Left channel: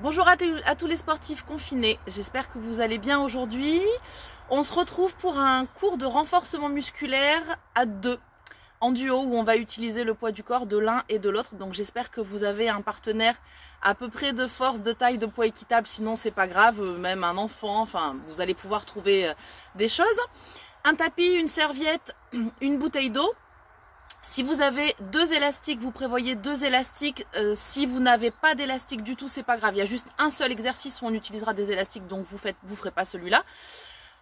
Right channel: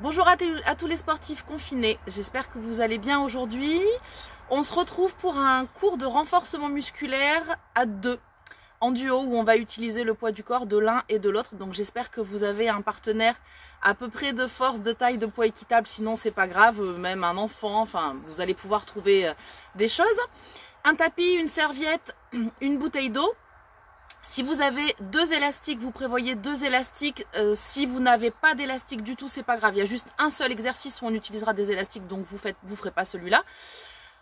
Bonjour à tous les sportifs confinés, j'espère que vous allez bien aujourd'hui. On se retrouve pour un cours de renforcement musculaire à deux, en duo, où on va utiliser le poids du corps de l'un et de l'autre. Donc j'espère que vous avez un partenaire à peu près de force, de taille, de poids équitable, sinon c'est pas grave, même un enfant, enfin vous allez pouvoir trouver des choses. Un tapis, une serviette, une bouteille d'eau. Si vous avez deux élastiques, vous prévoyez deux élastiques. Si vous n'avez pas d'élastique du tout, c'est pas grave. Il y a juste un seul exercice où on utilisera des élastiques, donc vous ferez pas celui-là.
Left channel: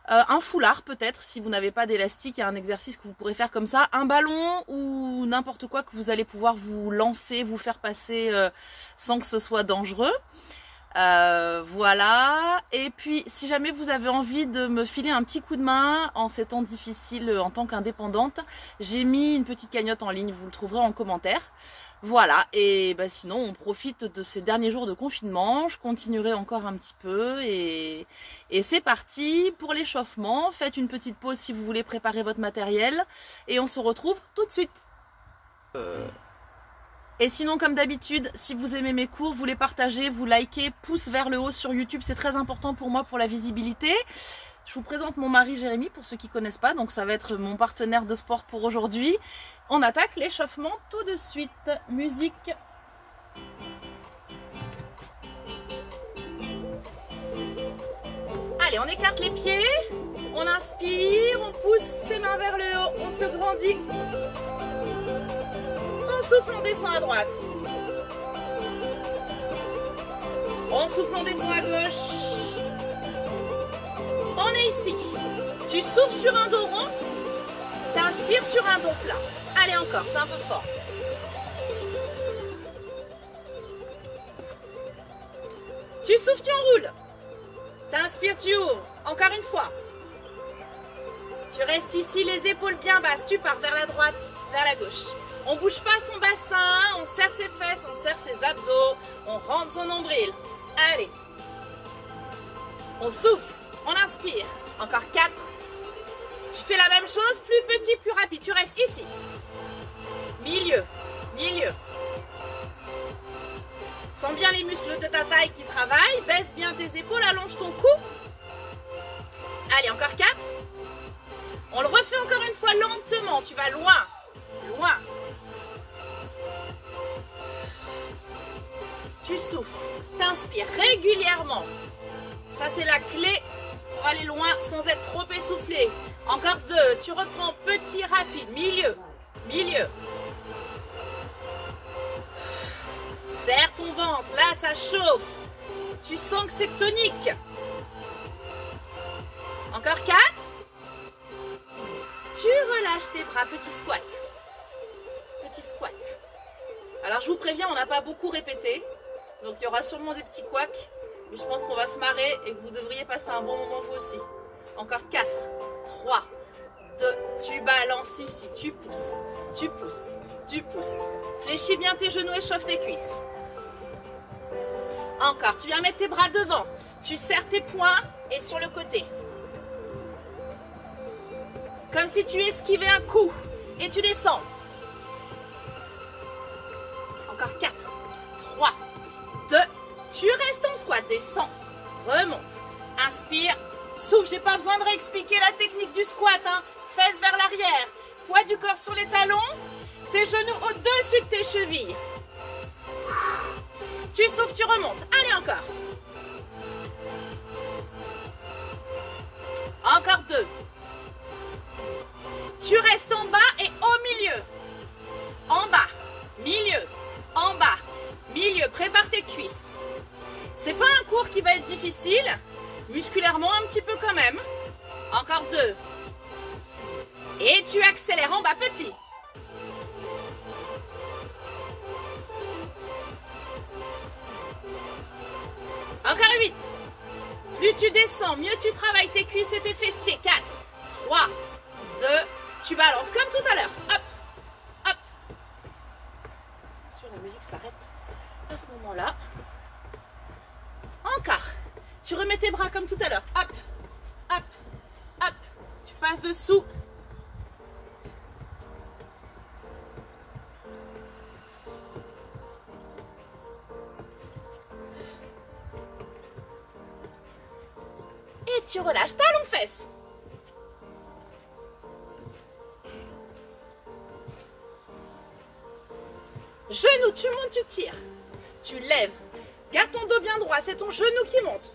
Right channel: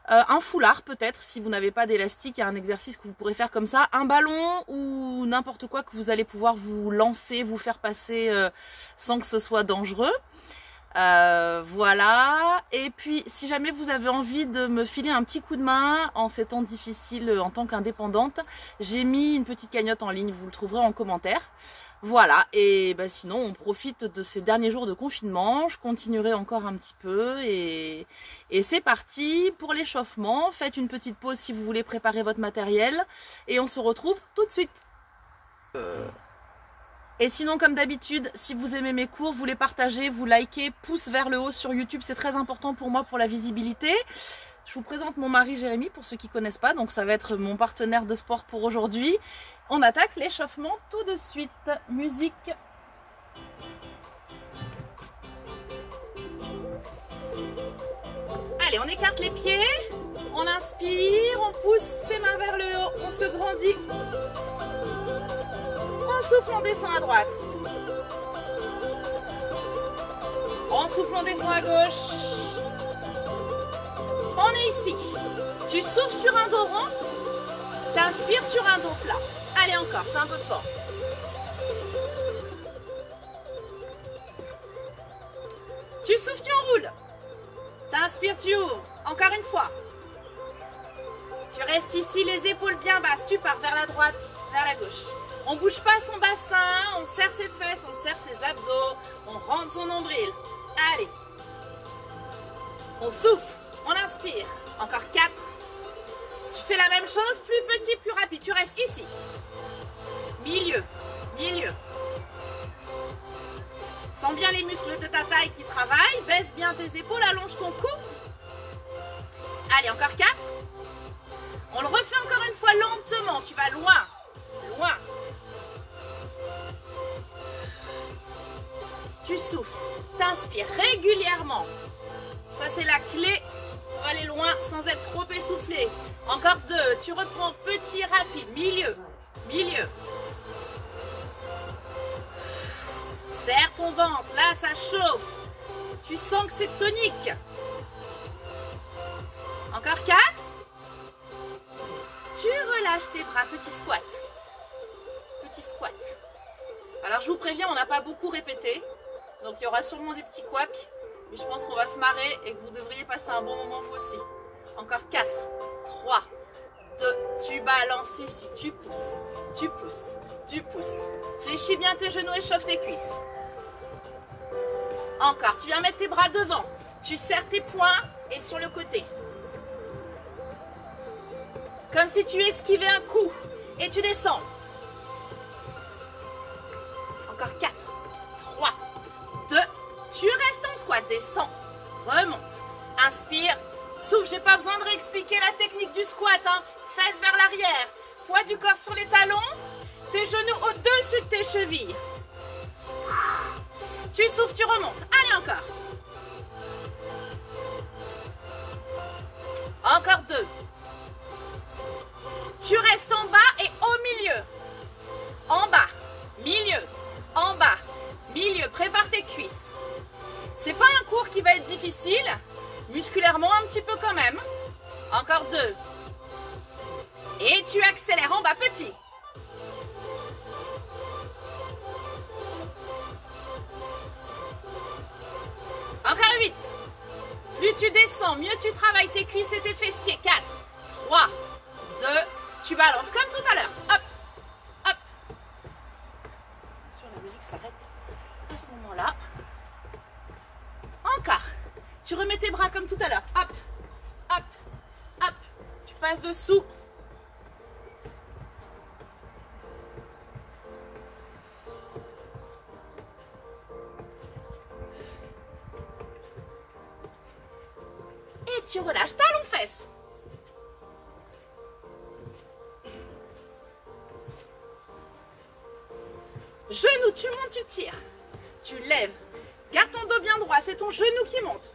Un foulard peut-être, si vous n'avez pas d'élastique, il y a un exercice que vous pourrez faire comme ça. Un ballon ou n'importe quoi que vous allez pouvoir vous lancer, vous faire passer sans que ce soit dangereux. Voilà, et puis si jamais vous avez envie de me filer un petit coup de main en ces temps difficiles en tant qu'indépendante, j'ai mis une petite cagnotte en ligne, vous le trouverez en commentaire. Voilà, et bah sinon on profite de ces derniers jours de confinement, je continuerai encore un petit peu et c'est parti pour l'échauffement. Faites une petite pause si vous voulez préparer votre matériel et on se retrouve tout de suite. Et sinon, comme d'habitude, si vous aimez mes cours, vous les partagez, vous likez, pouce vers le haut sur YouTube, c'est très important pour moi pour la visibilité. Je vous présente mon mari Jérémy pour ceux qui ne connaissent pas, donc ça va être mon partenaire de sport pour aujourd'hui. On attaque l'échauffement tout de suite. Musique. Allez, on écarte les pieds, on inspire, on pousse ses mains vers le haut, on se grandit. On souffle, on descend à droite. On souffle, on descend à gauche. On est ici. Tu souffles sur un dos rond. Tu inspires sur un dos plat. Allez encore, c'est un peu fort. Tu souffles, tu enroules. Tu inspires, tu ouvres. Encore une fois. Tu restes ici, les épaules bien basses. Tu pars vers la droite, vers la gauche. On ne bouge pas son bassin, on serre ses fesses, on serre ses abdos, on rentre son nombril. Allez. On souffle, on inspire. Encore 4. Tu fais la même chose, plus petit, plus rapide. Tu restes ici. Milieu, milieu. Sens bien les muscles de ta taille qui travaillent. Baisse bien tes épaules, allonge ton cou. Allez, encore 4. On le refait encore une fois lentement. Tu vas loin, loin. Tu souffles, t'inspires régulièrement. Ça, c'est la clé pour aller loin sans être trop essoufflé. Encore 2. Tu reprends petit, rapide. Milieu, milieu. Serre ton ventre. Là, ça chauffe. Tu sens que c'est tonique. Encore 4. Tu relâches tes bras. Petit squat. Petit squat. Alors, je vous préviens, on n'a pas beaucoup répété. Donc il y aura sûrement des petits couacs, mais je pense qu'on va se marrer et que vous devriez passer un bon moment vous aussi. Encore 4, 3, 2, tu balances ici, tu pousses, tu pousses, tu pousses. Fléchis bien tes genoux, échauffe tes cuisses. Encore, tu viens mettre tes bras devant, tu serres tes poings et sur le côté. Comme si tu esquivais un coup et tu descends. Encore 4, 3, 2, tu restes en squat, descends, remonte, inspire, souffle, j'ai pas besoin de réexpliquer la technique du squat, hein. Fesses vers l'arrière, poids du corps sur les talons, tes genoux au-dessus de tes chevilles. Tu souffles, tu remontes, allez encore. Encore 2. Tu restes en bas et au milieu. En bas, milieu, en bas, milieu, prépare tes cuisses. C'est pas un cours qui va être difficile, musculairement un petit peu quand même. Encore 2. Et tu accélères en bas, petit. Encore 8. Plus tu descends, mieux tu travailles tes cuisses et tes fessiers. 4, 3, 2, tu balances comme tout à l'heure. Hop, hop. Sur la musique s'arrête à ce moment-là. Encore. Tu remets tes bras comme tout à l'heure. Hop, hop, hop. Tu passes dessous. Et tu relâches, talons fesses. Genou, tu montes, tu tires. Tu lèves. Garde ton dos bien droit, c'est ton genou qui monte.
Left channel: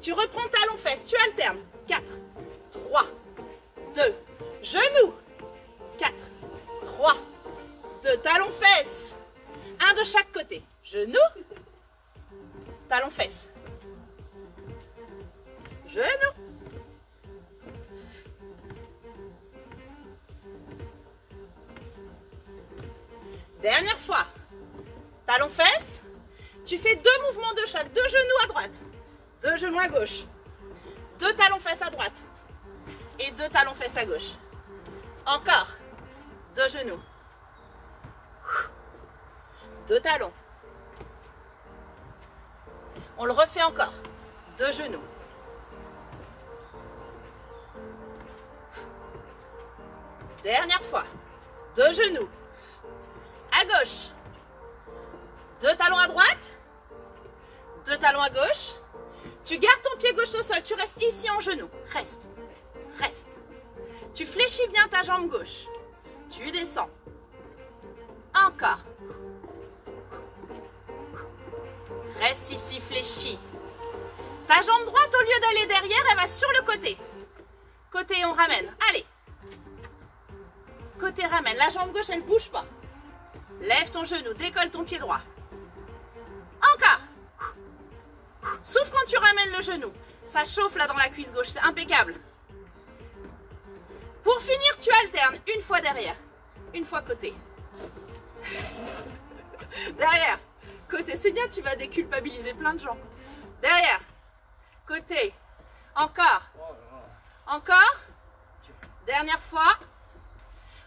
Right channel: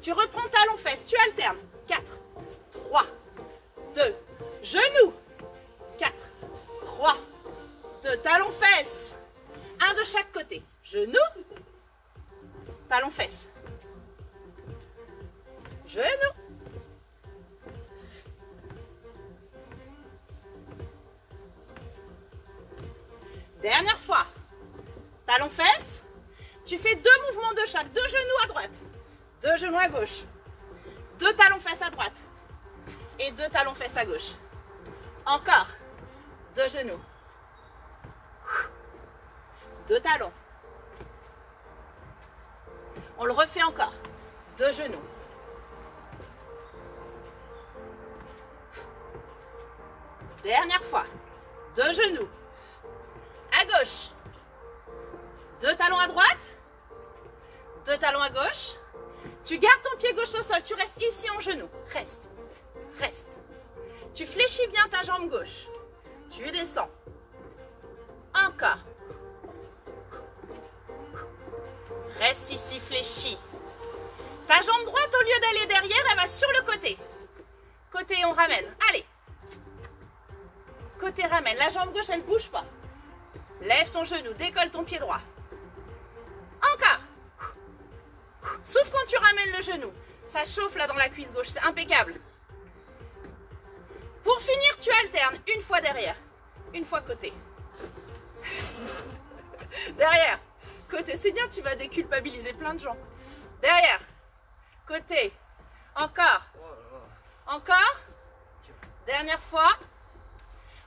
Tu reprends talons fesses, tu alternes. 4, 3, 2, genou. 4, 3, 2, talons fesses. Un de chaque côté. Genou, talons fesses. Genou. Dernière fois. Talons fesses. Tu fais 2 mouvements de chaque. 2 genoux à droite. 2 genoux à gauche. 2 talons fesses à droite. Et 2 talons fesses à gauche. Encore. 2 genoux. 2 talons. On le refait encore. 2 genoux. Dernière fois. 2 genoux. À gauche. 2 talons à droite. 2 talons à gauche. Tu gardes ton pied gauche au sol. Tu restes ici en genou. Reste. Reste. Tu fléchis bien ta jambe gauche. Tu descends. Encore. Reste ici fléchi. Ta jambe droite, au lieu d'aller derrière, elle va sur le côté. Côté, on ramène. Allez. Côté, ramène. La jambe gauche, elle ne bouge pas. Lève ton genou, décolle ton pied droit. Encore. Souffle quand tu ramènes le genou. Ça chauffe là dans la cuisse gauche, c'est impeccable. Pour finir, tu alternes. Une fois derrière, une fois côté. Derrière, côté. C'est bien, tu vas déculpabiliser plein de gens. Derrière, côté. Encore. Encore. Dernière fois.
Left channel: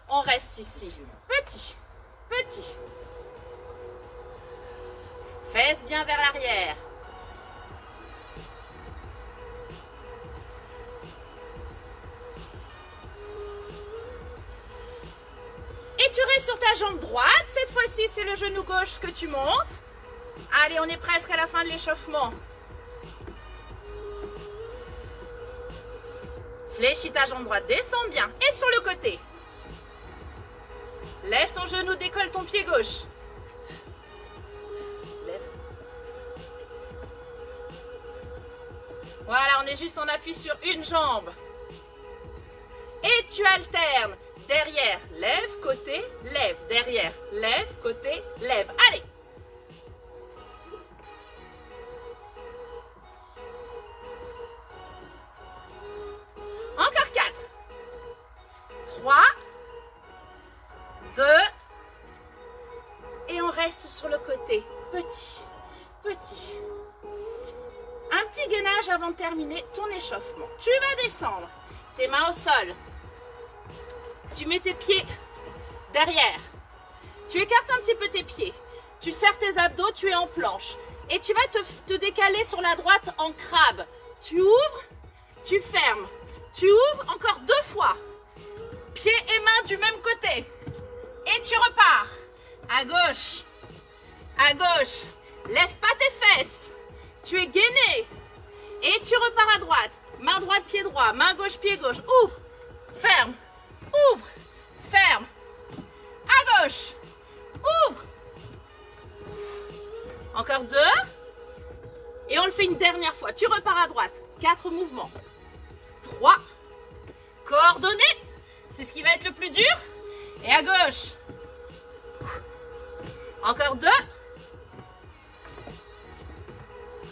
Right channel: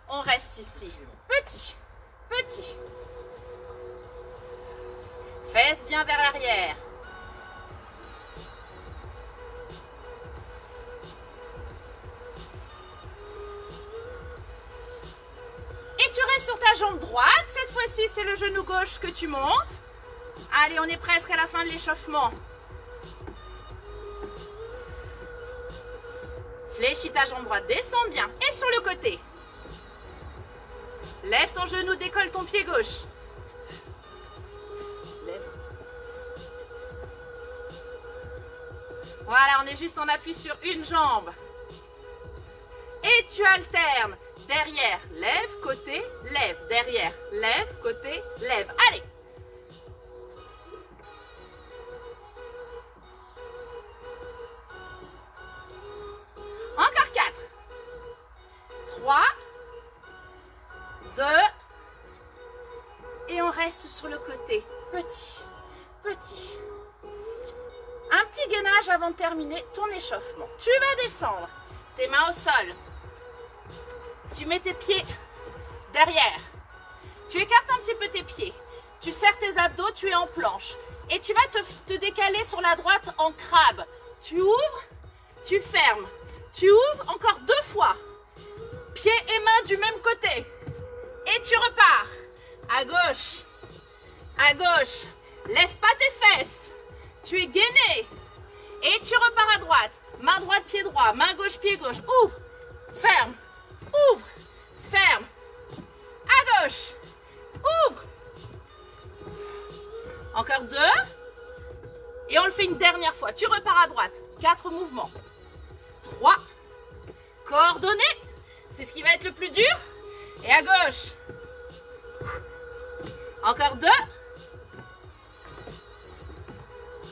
On reste ici. Petit. Petit. Fesses bien vers l'arrière. Et tu restes sur ta jambe droite. Cette fois-ci, c'est le genou gauche que tu montes. Allez, on est presque à la fin de l'échauffement. Fléchis ta jambe droite, descends bien. Et sur le côté. Lève ton genou, décolle ton pied gauche. Lève. Voilà, on est juste en appui sur une jambe. Et tu alternes. Derrière, lève, côté, lève. Derrière, lève, côté, lève. Allez. Encore 4. 3. 2. Et on reste sur le côté. Petit, petit. Un petit gainage avant de terminer ton échauffement. Tu vas descendre. Tes mains au sol. Tu mets tes pieds derrière. Tu écartes un petit peu tes pieds. Tu serres tes abdos, tu es en planche. Et tu vas te décaler sur la droite en crabe. Tu ouvres, tu fermes. Tu ouvres encore 2 fois. Pieds et mains du même côté. Et tu repars. À gauche. À gauche. Lève pas tes fesses. Tu es gainé. Et tu repars à droite. Main droite, pied droit. Main gauche, pied gauche. Ouvre. Ferme. Ouvre. Ferme. À gauche. Ouvre. Encore 2. Et on le fait une dernière fois. Tu repars à droite. 4 mouvements. 3. Coordonné. C'est ce qui va être le plus dur. Et à gauche. Encore 2.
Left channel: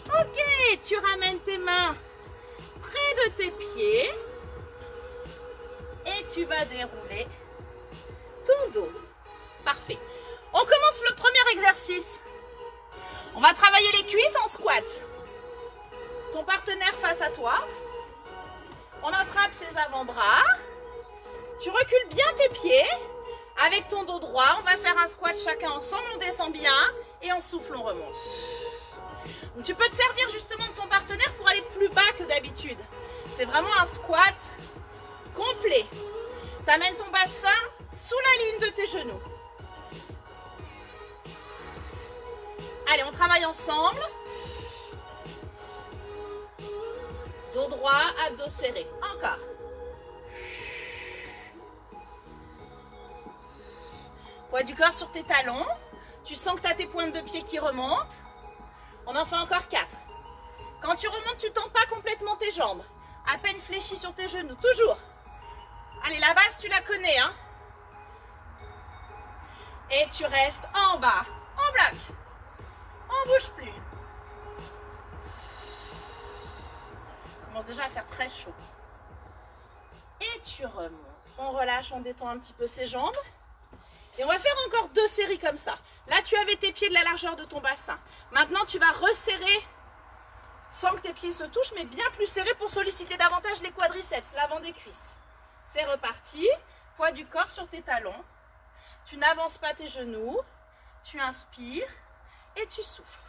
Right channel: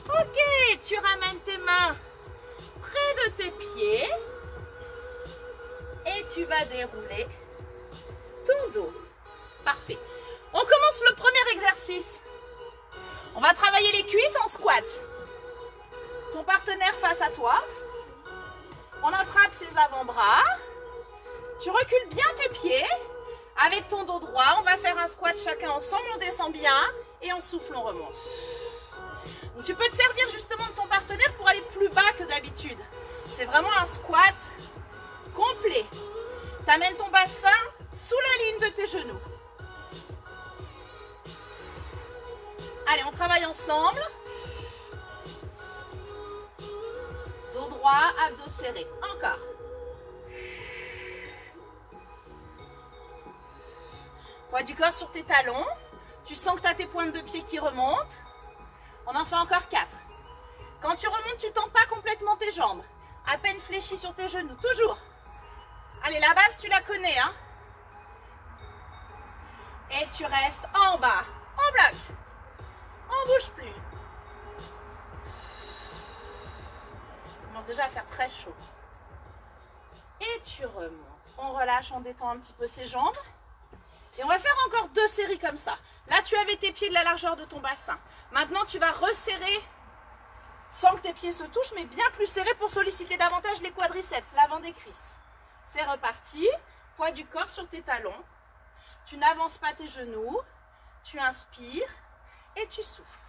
Ok, tu ramènes tes mains près de tes pieds. Et tu vas dérouler ton dos. Parfait. On commence le premier exercice. On va travailler les cuisses en squat. Ton partenaire face à toi. On attrape ses avant-bras. Tu recules bien tes pieds. Avec ton dos droit, on va faire un squat chacun ensemble. On descend bien et on souffle, on remonte. Donc, tu peux te servir justement de ton partenaire pour aller plus bas que d'habitude. C'est vraiment un squat complet. Tu amènes ton bassin sous la ligne de tes genoux. Allez, on travaille ensemble. dos droit, abdos serrés. Encore. Poids du corps sur tes talons. Tu sens que tu as tes pointes de pied qui remontent. On en fait encore 4. Quand tu remontes, tu ne tends pas complètement tes jambes. À peine fléchis sur tes genoux, toujours. Allez, la base, tu la connais, hein. Et tu restes en bas, en bloc. On ne bouge plus. Il commence déjà à faire très chaud. Et tu remontes. On relâche, on détend un petit peu ses jambes. Et on va faire encore 2 séries comme ça. Là, tu avais tes pieds de la largeur de ton bassin. Maintenant, tu vas resserrer sans que tes pieds se touchent, mais bien plus serrés pour solliciter davantage les quadriceps, l'avant des cuisses. C'est reparti. Poids du corps sur tes talons. Tu n'avances pas tes genoux. Tu inspires et tu souffles.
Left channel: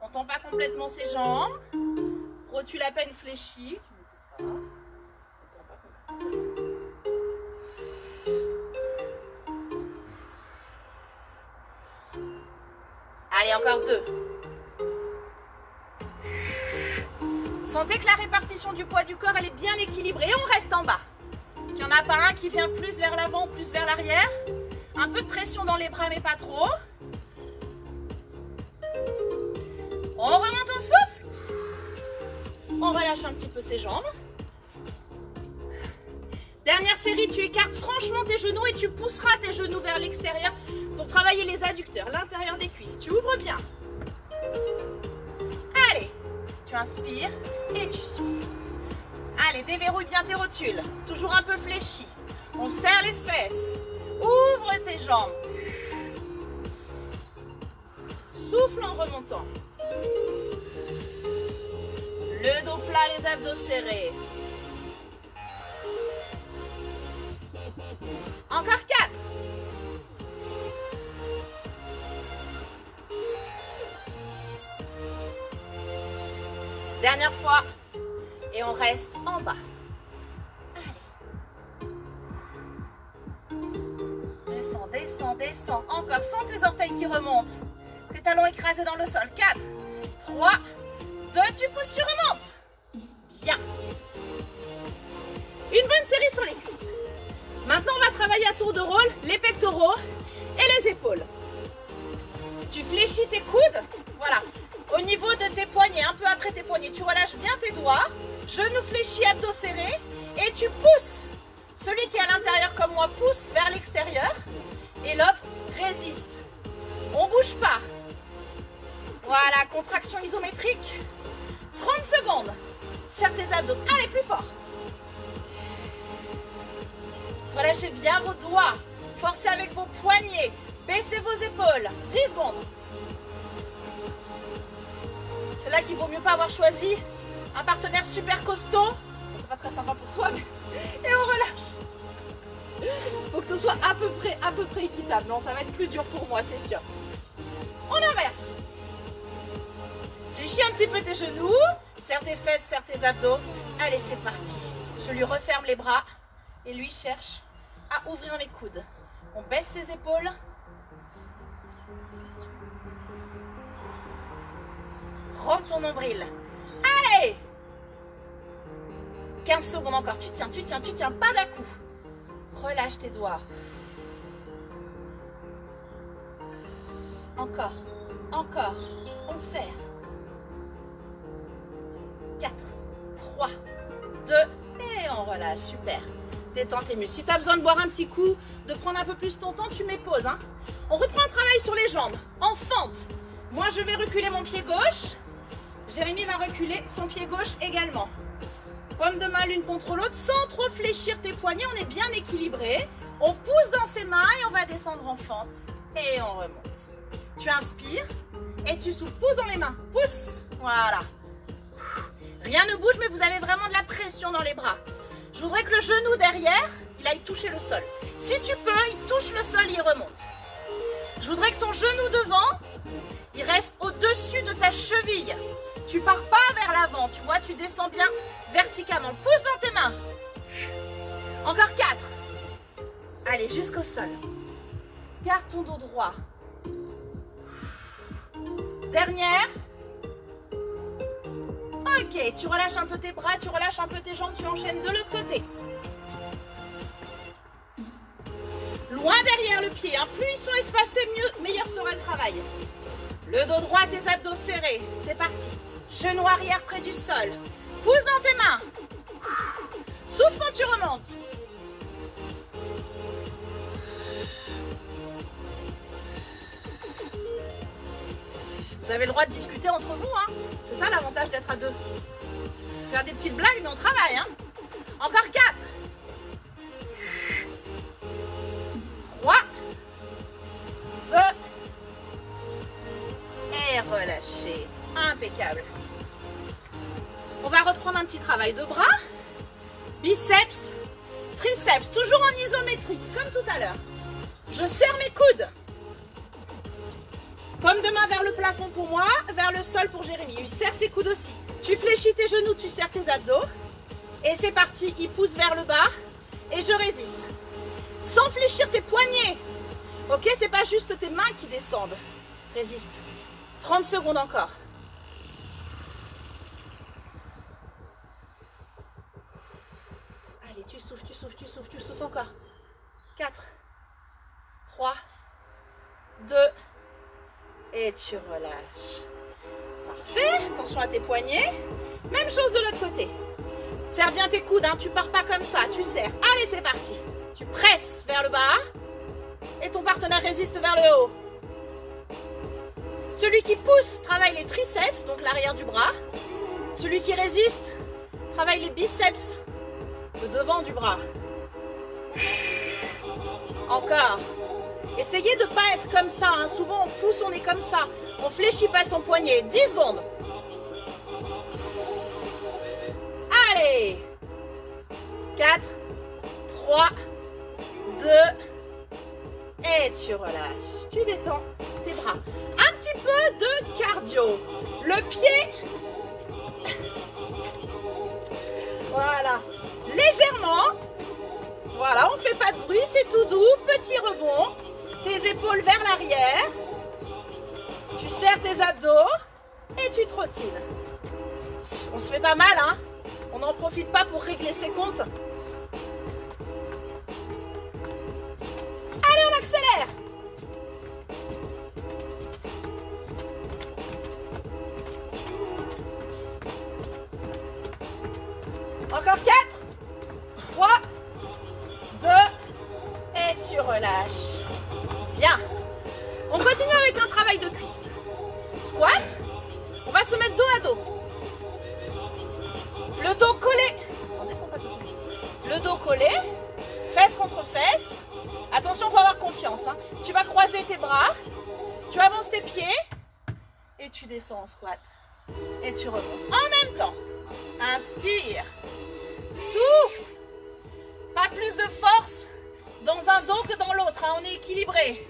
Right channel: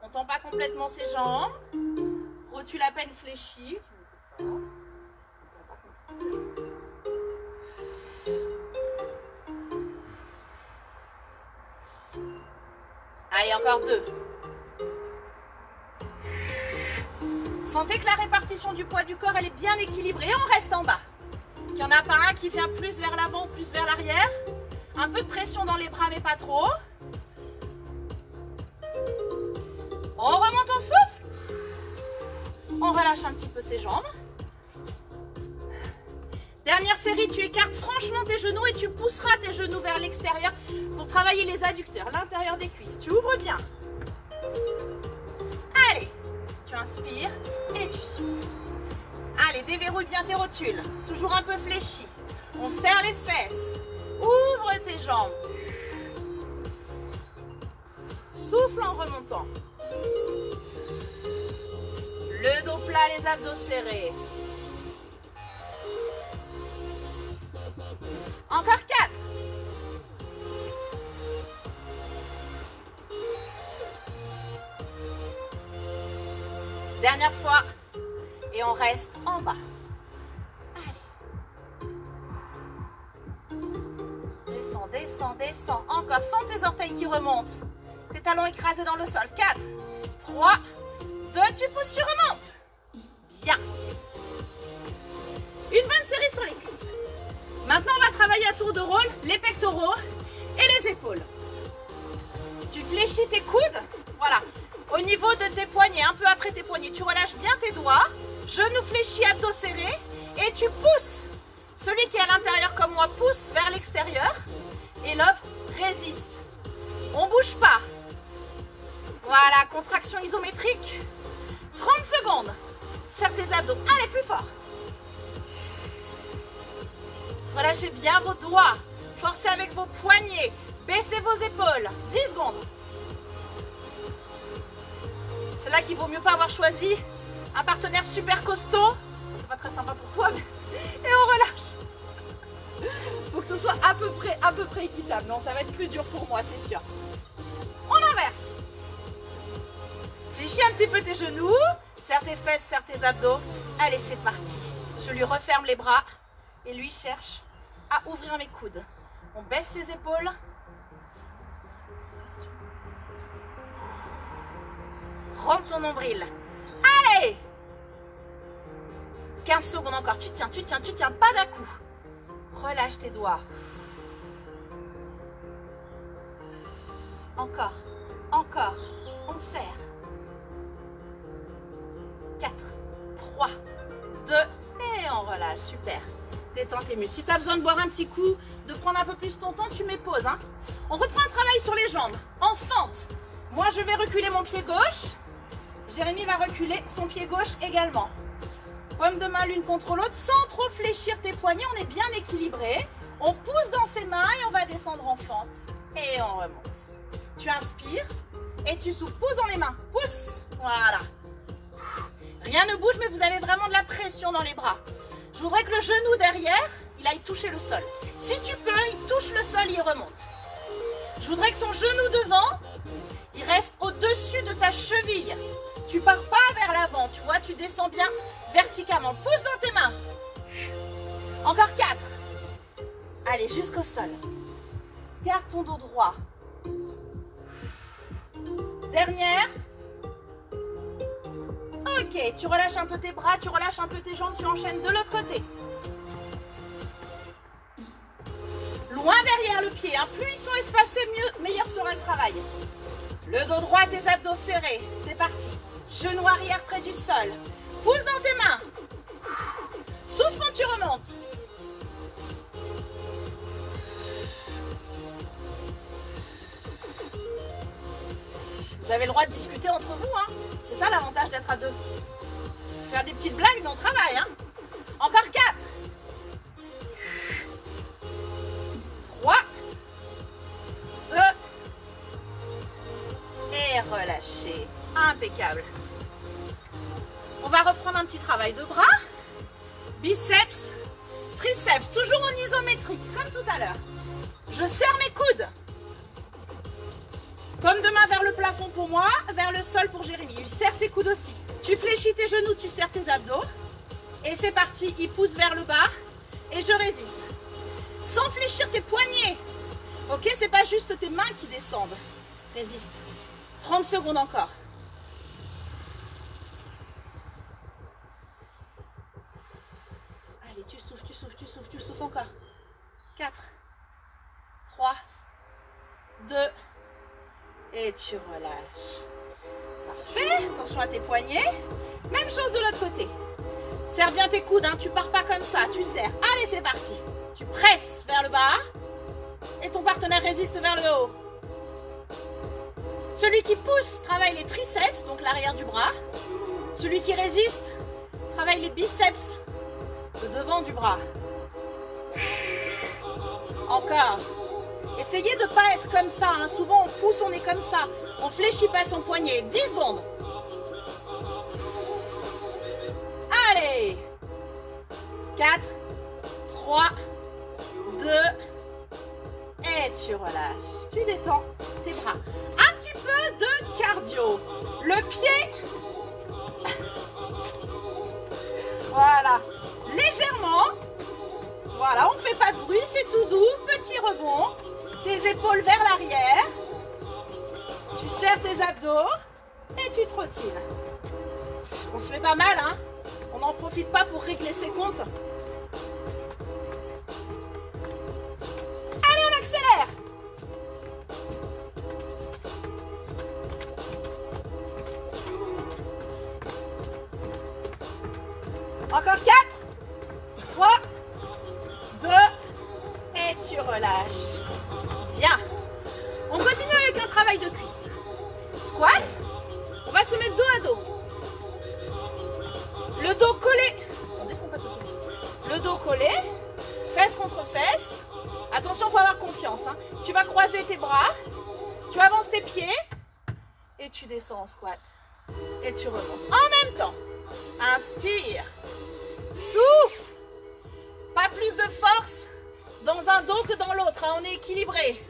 On ne tend pas complètement ses jambes. Rotule à peine fléchie. Allez, encore 2. Sentez que la répartition du poids du corps, elle est bien équilibrée. On reste en bas. Il n'y en a pas un qui vient plus vers l'avant, plus vers l'arrière. Un peu de pression dans les bras, mais pas trop. On remonte, on souffle. On relâche un petit peu ses jambes. Dernière série, tu écartes franchement tes genoux et tu pousseras tes genoux vers l'extérieur pour travailler les adducteurs, l'intérieur des cuisses. Tu ouvres bien. Allez, tu inspires et tu souffles. Allez, déverrouille bien tes rotules. Toujours un peu fléchi. On serre les fesses. Ouvre tes jambes. Souffle en remontant. Le dos plat, les abdos serrés. Encore 4. Dernière fois. Et on reste en bas. Allez. Descends, descends, descends. Encore. Sens tes orteils qui remontent. Tes talons écrasés dans le sol. 4, 3, 2. Tu pousses, tu remontes. Bien. Une bonne série sur les cuisses. Maintenant, on va travailler à tour de rôle les pectoraux et les épaules. Tu fléchis tes coudes. Voilà. Au niveau de tes poignets, un peu après tes poignets, tu relâches bien tes doigts. Genoux fléchis, abdos serrés. Et tu pousses. Celui qui est à l'intérieur comme moi pousse vers l'extérieur. Et l'autre résiste. On ne bouge pas. Voilà, contraction isométrique. 30 secondes. Serre tes abdos. Allez, plus fort. Relâchez bien vos doigts. Forcez avec vos poignets. Baissez vos épaules. 10 secondes. C'est là qu'il vaut mieux pas avoir choisi un partenaire super costaud. C'est pas très sympa pour toi, mais... Et on relâche. Faut que ce soit à peu près équitable. Non, ça va être plus dur pour moi, c'est sûr. On inverse. Fléchis un petit peu tes genoux. Serre tes fesses, serre tes abdos. Allez, c'est parti. Je lui referme les bras. Et lui cherche à ouvrir mes coudes. On baisse ses épaules. Rentre ton nombril. Allez! 15 secondes encore. Tu tiens, pas d'un-coup. Relâche tes doigts. Encore, encore. On serre. 4, 3, 2, et on relâche. Super. Détends tes muscles. Si tu as besoin de boire un petit coup, de prendre un peu plus ton temps, tu mets pause. Hein. On reprend un travail sur les jambes. En fente. Moi, je vais reculer mon pied gauche. Jérémy va reculer son pied gauche également. Paume de main l'une contre l'autre, sans trop fléchir tes poignets. On est bien équilibré. On pousse dans ses mains et on va descendre en fente. Et on remonte. Tu inspires et tu souffles. Pousse dans les mains. Pousse. Voilà. Rien ne bouge, mais vous avez vraiment de la pression dans les bras. Je voudrais que le genou derrière, il aille toucher le sol. Si tu peux, il touche le sol, il remonte. Je voudrais que ton genou devant, il reste au-dessus de ta cheville. Tu pars pas vers l'avant, tu vois, tu descends bien verticalement. Pousse dans tes mains. Encore 4. Allez, jusqu'au sol. Garde ton dos droit. Dernière. Ok, tu relâches un peu tes bras, tu relâches un peu tes jambes, tu enchaînes de l'autre côté. Loin derrière le pied, hein. Plus ils sont espacés, meilleur sera le travail. Le dos droit, tes abdos serrés. C'est parti. Genou arrière près du sol. Pousse dans tes mains. Souffle quand tu remontes. Vous avez le droit de discuter entre vous, hein. C'est ça l'avantage d'être à deux. Faire des petites blagues, mais on travaille, hein. Encore 4. 3. 2. Et relâchez. Impeccable. On va reprendre un petit travail de bras. Biceps, triceps, toujours en isométrique, comme tout à l'heure. Je serre mes coudes. Paume de main vers le plafond pour moi, vers le sol pour Jérémy. Il serre ses coudes aussi. Tu fléchis tes genoux, tu serres tes abdos. Et c'est parti, il pousse vers le bas. Et je résiste. Sans fléchir tes poignets. Ok, c'est pas juste tes mains qui descendent. Résiste. 30 secondes encore. Allez, tu souffles, tu souffles, tu souffles, tu souffles encore. 4, 3, 2, et tu relâches. Parfait, attention à tes poignets. Même chose de l'autre côté. Serre bien tes coudes, hein. Tu pars pas comme ça, tu serres. Allez, c'est parti. Tu presses vers le bas et ton partenaire résiste vers le haut. Celui qui pousse travaille les triceps, donc l'arrière du bras. Celui qui résiste travaille les biceps, le devant du bras. Encore. Essayez de ne pas être comme ça, hein. Souvent on pousse, on est comme ça. On fléchit pas son poignet. 10 secondes. Allez. 4, 3, 2, et tu relâches. Tu détends tes bras. Un petit peu de cardio. Le pied. Voilà. Légèrement. Voilà, on ne fait pas de bruit, c'est tout doux. Petit rebond. Tes épaules vers l'arrière. Tu serres tes abdos et tu trottines. On se fait pas mal, hein. On n'en profite pas pour régler ses comptes. Allez, on accélère. Encore 4, 3, 2, et tu relâches. Bien. On continue avec un travail de cuisse. Squat. On va se mettre dos à dos. Le dos collé. On descend pas tout de suite. Le dos collé. Fesse contre fesse. Attention, il faut avoir confiance, hein. Tu vas croiser tes bras. Tu avances tes pieds. Et tu descends en squat. Et tu remontes. En même temps. Inspire. Souffle. Pas plus de force dans un dos que dans l'autre, hein. On est équilibré.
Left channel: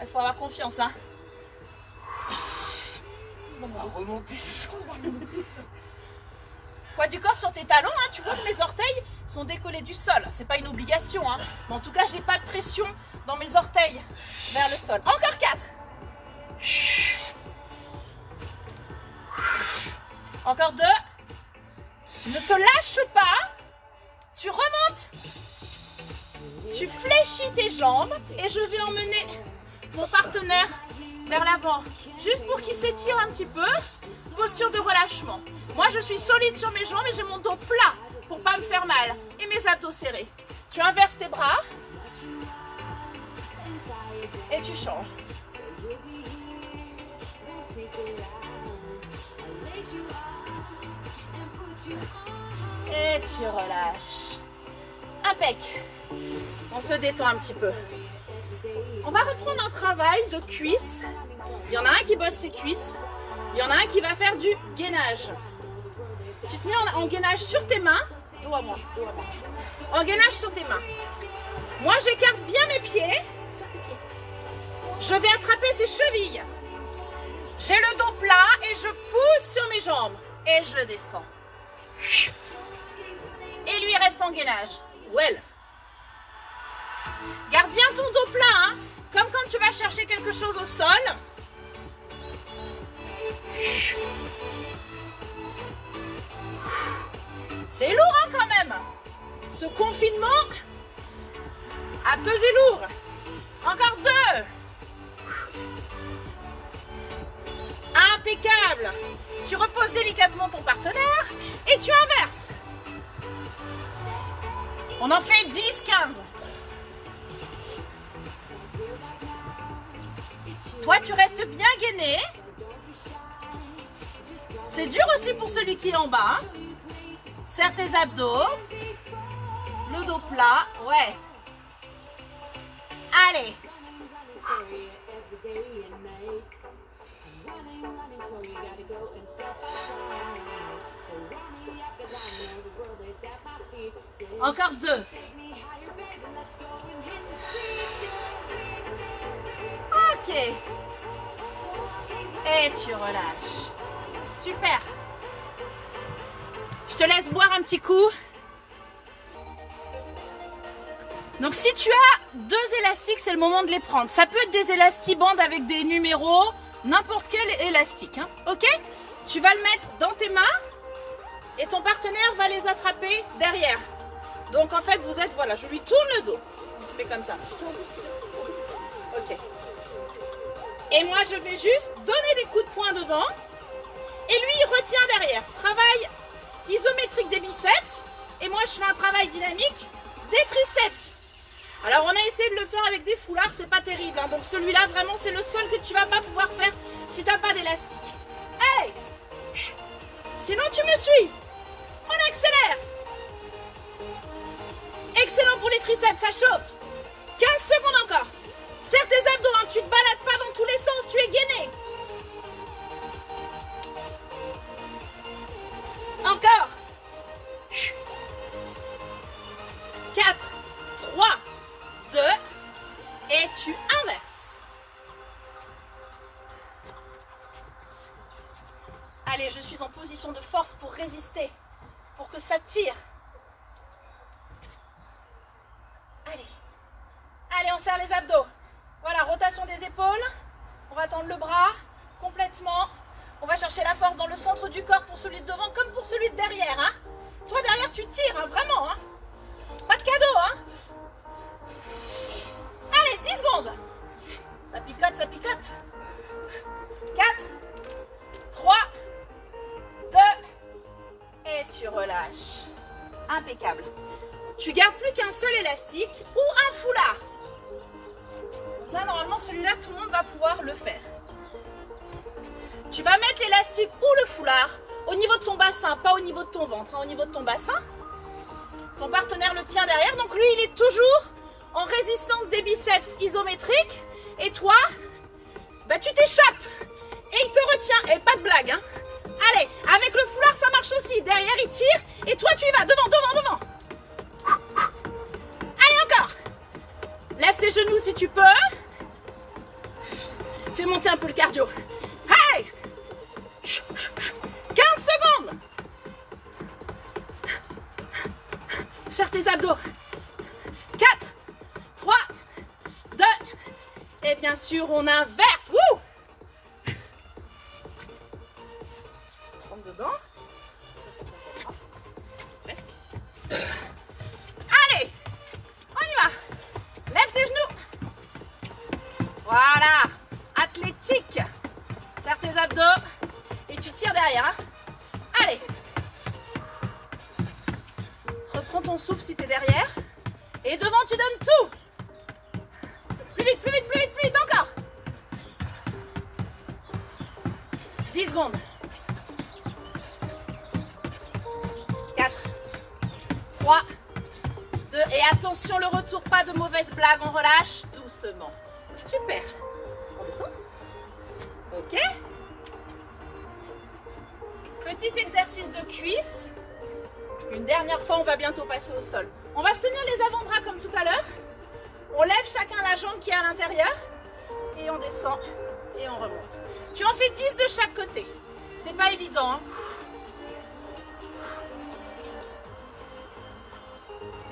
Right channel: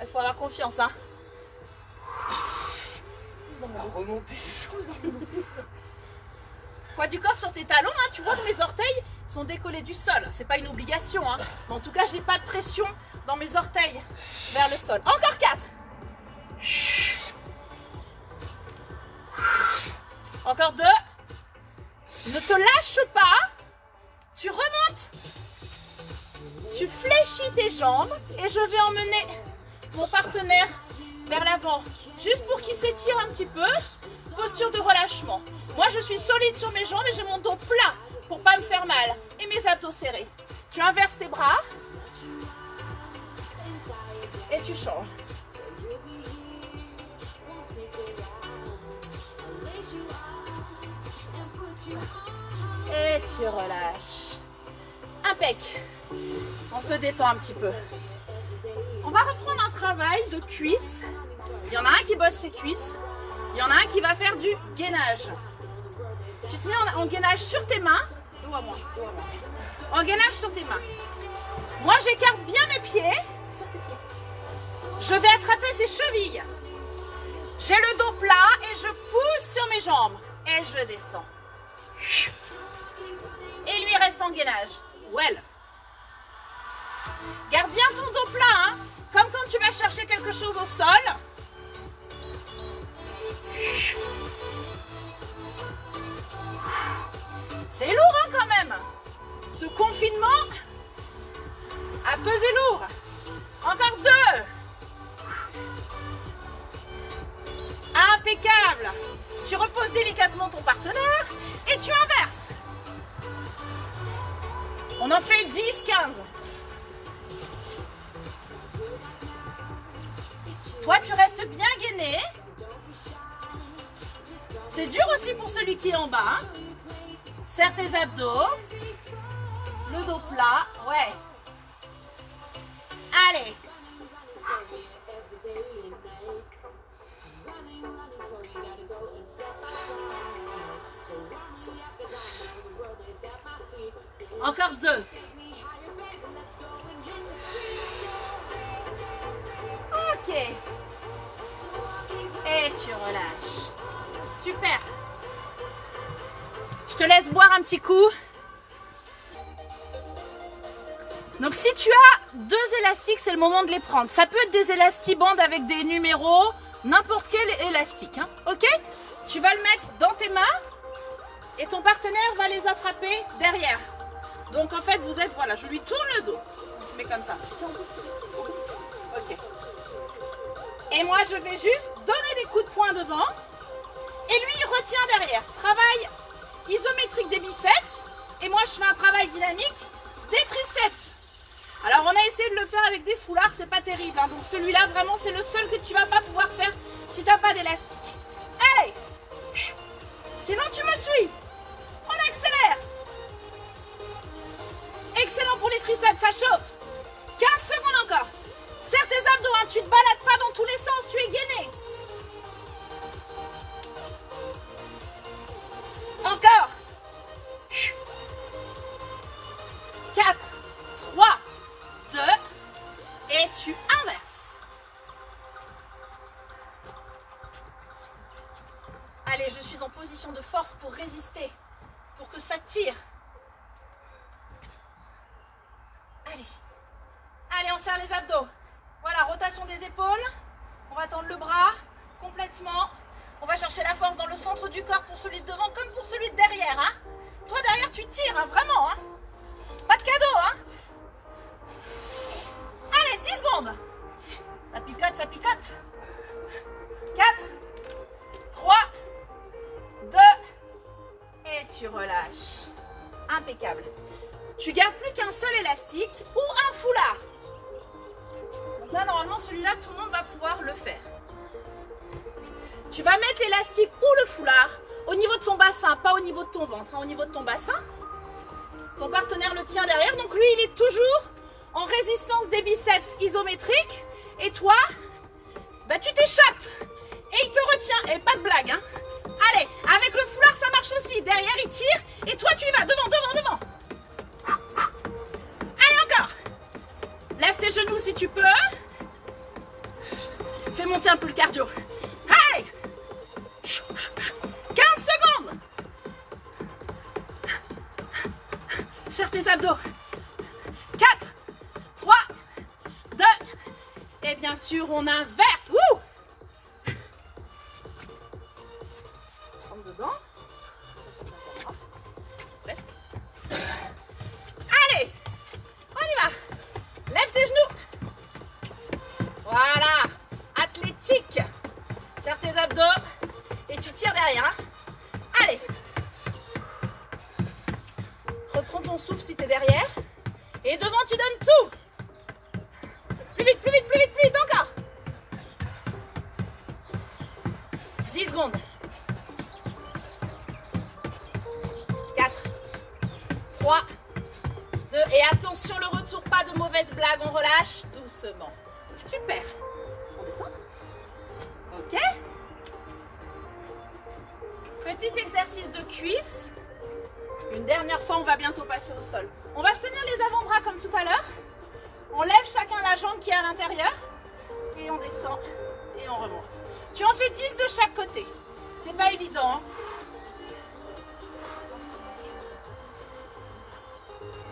Il faut avoir confiance, hein. Poids du corps sur tes talons, hein. Tu vois que mes orteils sont décollés du sol. C'est pas une obligation, hein. Mais en tout cas, j'ai pas de pression dans mes orteils vers le sol. Encore 4. Encore 2. Ne te lâche pas. Tu remontes. Tu fléchis tes jambes et je vais emmener mon partenaire vers l'avant. Juste pour qu'il s'étire un petit peu. Posture de relâchement. Moi, je suis solide sur mes jambes et j'ai mon dos plat pour pas me faire mal. Et mes abdos serrés. Tu inverses tes bras. Et tu changes. Et tu relâches. Impec. On se détend un petit peu. On va reprendre un travail de cuisses. Il y en a un qui bosse ses cuisses. Il y en a un qui va faire du gainage. Tu te mets en gainage sur tes mains. Dos à moi, dos à moi. En gainage sur tes mains. Moi, j'écarte bien mes pieds. Sur tes pieds. Je vais attraper ses chevilles. J'ai le dos plat et je pousse sur mes jambes. Et je descends. Et lui reste en gainage. Well. Garde bien ton dos plat, hein. Comme quand tu vas chercher quelque chose au sol. C'est lourd hein, quand même. Ce confinement a pesé lourd. Encore 2. Impeccable. Tu reposes délicatement ton partenaire et tu inverses. On en fait 10, 15. Toi, tu restes bien gainé. C'est dur aussi pour celui qui est en bas. Serre tes abdos. Le dos plat. Ouais. Allez. Encore 2. Ok. Et tu relâches. Super. Je te laisse boire un petit coup. Donc si tu as 2 élastiques, c'est le moment de les prendre. Ça peut être des élastibandes avec des numéros, n'importe quel élastique. Hein. Ok? Tu vas le mettre dans tes mains et ton partenaire va les attraper derrière. Donc en fait, vous êtes, voilà, je lui tourne le dos. On se met comme ça. Ok. Et moi, je vais juste donner des coups de poing devant. Et lui, il retient derrière. Travail isométrique des biceps. Et moi, je fais un travail dynamique des triceps. Alors, on a essayé de le faire avec des foulards. C'est pas terrible. Hein. Donc celui-là, vraiment, c'est le seul que tu vas pas pouvoir faire si tu n'as pas d'élastique. Hey! Sinon, tu me suis. On accélère. Excellent pour les triceps, ça chauffe. 15 secondes encore. Serre tes abdos, hein. Tu ne te balades pas dans tous les sens, tu es gainé. Encore. 4, 3, 2, et tu inverses. Allez, je suis en position de force pour résister, pour que ça tire. Allez. Allez, on serre les abdos. Voilà, rotation des épaules. On va tendre le bras complètement. On va chercher la force dans le centre du corps pour celui de devant comme pour celui de derrière. Hein. Toi, derrière, tu tires, hein, vraiment. Hein. Pas de cadeau. Hein. Allez, 10 secondes. Ça picote, ça picote. 4, 3, 2, et tu relâches. Impeccable. Tu gardes plus qu'un seul élastique ou un foulard. Donc là, normalement, celui-là, tout le monde va pouvoir le faire. Tu vas mettre l'élastique ou le foulard au niveau de ton bassin, pas au niveau de ton ventre, hein, au niveau de ton bassin. Ton partenaire le tient derrière, donc lui, il est toujours en résistance des biceps isométriques. Et toi, bah, tu t'échappes et il te retient. Et pas de blague, hein. Allez, avec le foulard, ça marche aussi. Derrière, il tire et toi, tu y vas. Devant, devant, devant. Allez, encore. Lève tes genoux si tu peux. Fais monter un peu le cardio. Hey! 15 secondes. Serre tes abdos. 4, 3, 2, et bien sûr, on inverse. Wouh! Rentre dedans. Presque. Allez, on y va. Lève tes genoux. Voilà. Athlétique. Serre tes abdos et tu tires derrière. Hein. Allez. Reprends ton souffle si tu es derrière. Et devant, tu donnes tout. Plus vite, plus vite, plus vite, plus vite, encore. 10 secondes. 4, 3, 2, et attention le retour, pas de mauvaise blague, on relâche doucement. Super. On descend. Ok. Petit exercice de cuisse. Une dernière fois, on va bientôt passer au sol. On va se tenir les avant-bras comme tout à l'heure. On lève chacun la jambe qui est à l'intérieur. Et on descend et on remonte. Tu en fais 10 de chaque côté. C'est pas évident. Hein.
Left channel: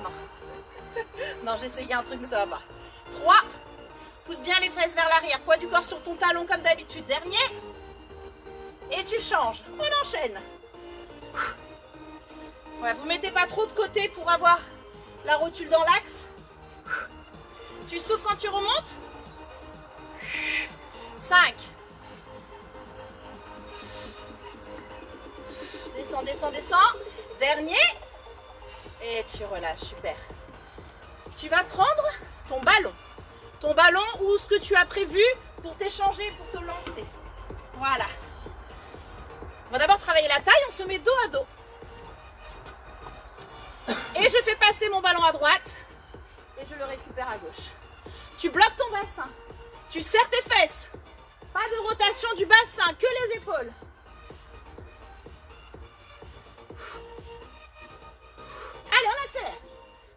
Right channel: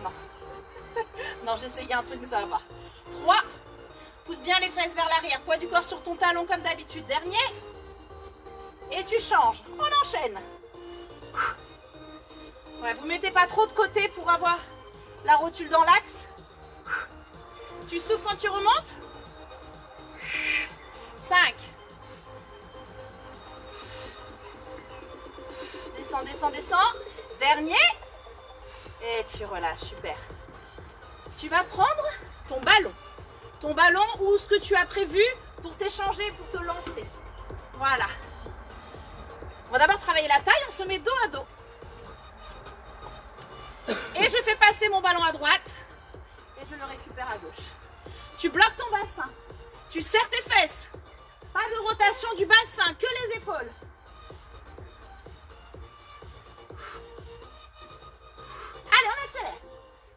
Non. Non, j'ai essayé un truc mais ça va pas. 3. Pousse bien les fesses vers l'arrière. Poids du corps sur ton talon comme d'habitude. Dernier. Et tu changes. On enchaîne. Ouais, vous mettez pas trop de côté pour avoir la rotule dans l'axe. Tu souffles quand tu remontes. 5. Descends, descends, descends. Dernier. Et tu relâches, super. Tu vas prendre ton ballon. Ton ballon ou ce que tu as prévu pour t'échanger, pour te lancer. Voilà. On va d'abord travailler la taille, on se met dos à dos. Et je fais passer mon ballon à droite et je le récupère à gauche. Tu bloques ton bassin. Tu serres tes fesses. Pas de rotation du bassin, que les épaules. Allez, on accélère.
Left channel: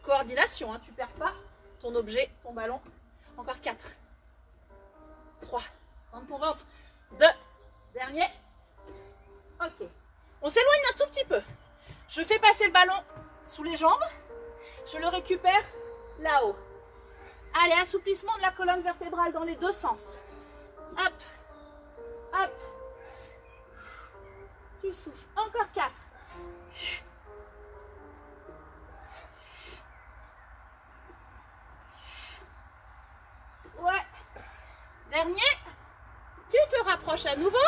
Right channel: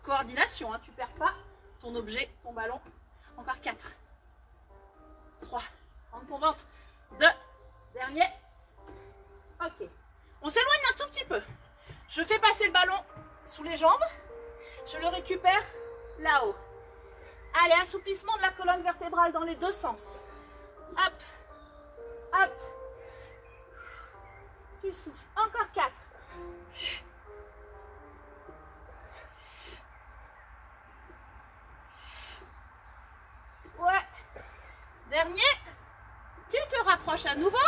Coordination, hein, tu ne perds pas ton objet, ton ballon. Encore 4. 3. Rentre ton ventre. 2. Dernier. Ok. On s'éloigne un tout petit peu. Je fais passer le ballon sous les jambes. Je le récupère là-haut. Allez, assouplissement de la colonne vertébrale dans les deux sens. Hop. Hop. Tu souffles. Encore 4. Ouais. Dernier. Tu te rapproches à nouveau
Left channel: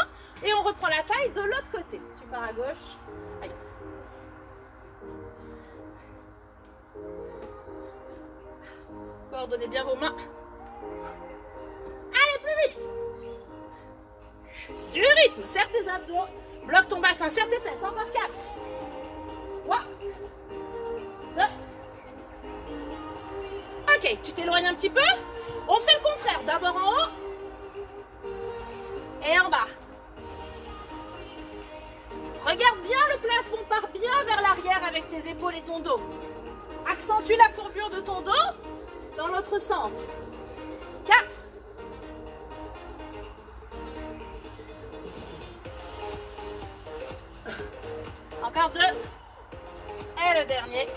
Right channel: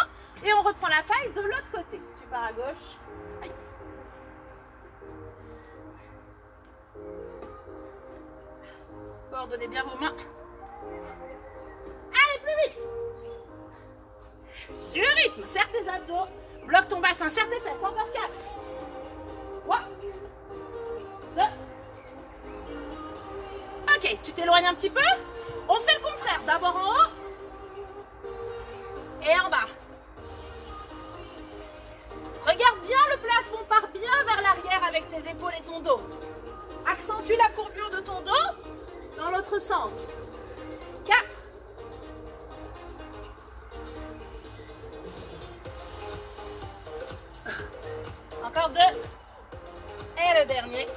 et on reprend la taille de l'autre côté. Tu pars à gauche. Aïe. Coordonnez bien vos mains. Allez, plus vite. Du rythme. Serre tes abdos. Bloque ton bassin. Serre tes fesses. Encore 4. 3. 2. Ok, tu t'éloignes un petit peu. On fait le contraire. D'abord en haut. Et en bas. Regarde bien le plafond. Pars bien vers l'arrière avec tes épaules et ton dos. Accentue la courbure de ton dos dans l'autre sens. 4. Encore 2. Et le dernier.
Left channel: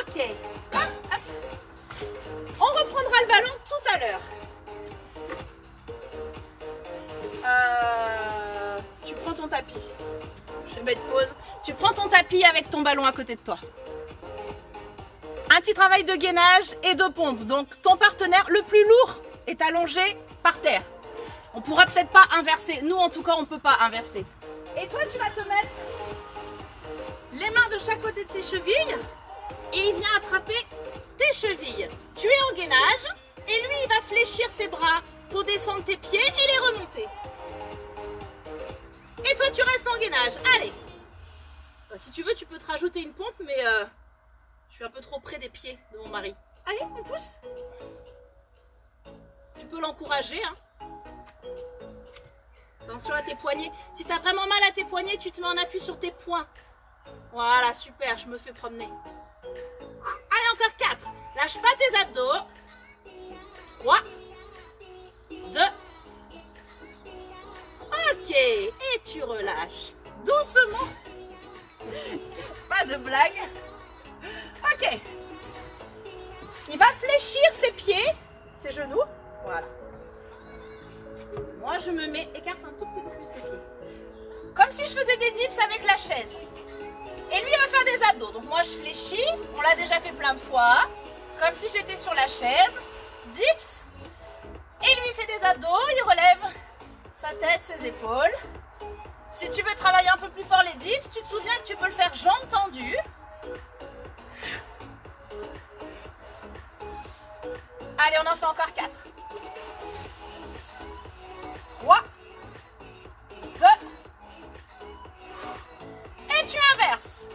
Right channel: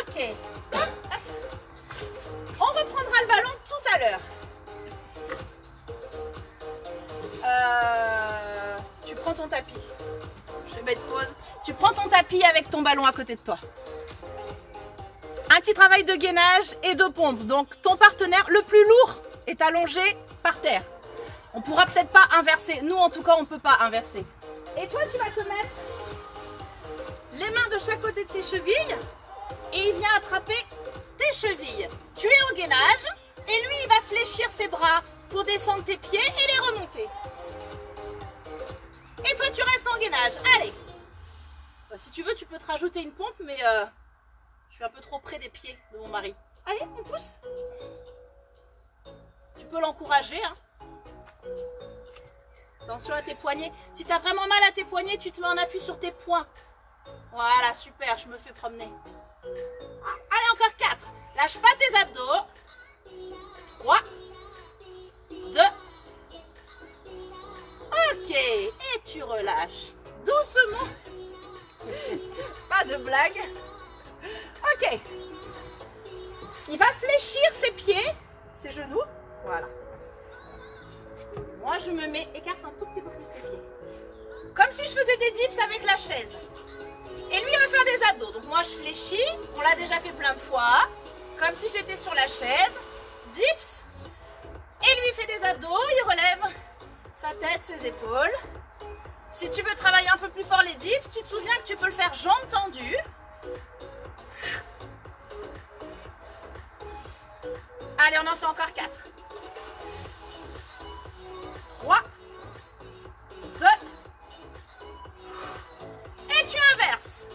Ok. On reprendra le ballon tout à l'heure. Tu prends ton tapis. Je vais mettre pause. Tu prends ton tapis avec ton ballon à côté de toi. Un petit travail de gainage et de pompe. Donc ton partenaire le plus lourd est allongé par terre. On pourra peut-être pas inverser. Nous en tout cas on peut pas inverser. Et toi tu vas te mettre les mains de chaque côté de ses chevilles et il vient attraper tes chevilles. Tu es en gainage et lui il va fléchir ses bras pour descendre tes pieds et les remonter. Et toi tu restes en gainage. Allez. Si tu veux tu peux te rajouter une pompe mais je suis un peu trop près des pieds de mon mari. Allez, on pousse. Tu peux l'encourager. Hein. Attention à tes poignets. Si tu as vraiment mal à tes poignets, tu te mets en appui sur tes poings. Voilà, super, je me fais promener. Allez, encore 4. Lâche pas tes abdos. 3. 2. Ok, et tu relâches. Doucement. Pas de blague. Ok. Il va fléchir ses pieds, ses genoux. Voilà. Moi, je me mets, écarte un tout petit peu plus tes pieds. Comme si je faisais des dips avec la chaise. Et lui, il va faire des abdos. Donc moi, je fléchis. On l'a déjà fait plein de fois. Comme si j'étais sur la chaise. Dips. Et lui, il fait des abdos. Il relève sa tête, ses épaules. Si tu veux travailler un peu plus fort les dips, tu te souviens que tu peux le faire jambes tendues. Allez, on en fait encore 4. 3. 2. Et tu inverses.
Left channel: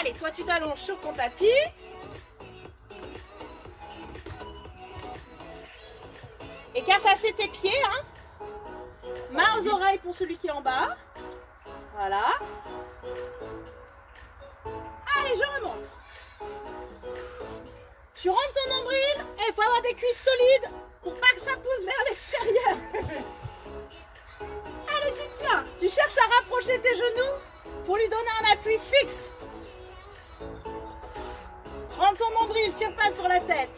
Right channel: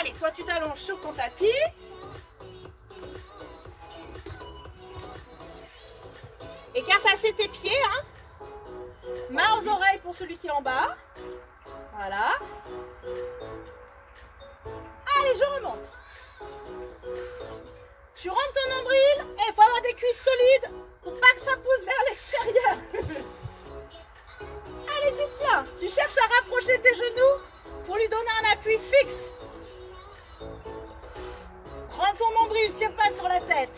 Allez, toi tu t'allonges sur ton tapis. Écarte assez tes pieds. Hein. Main aux oreilles pour celui qui est en bas. Voilà. Allez, je remonte. Tu rentres ton nombril et il faut avoir des cuisses solides pour pas que ça pousse vers l'extérieur. Allez, tu tiens. Tu cherches à rapprocher tes genoux pour lui donner un appui fixe. Prends ton nombril, tire pas sur la tête.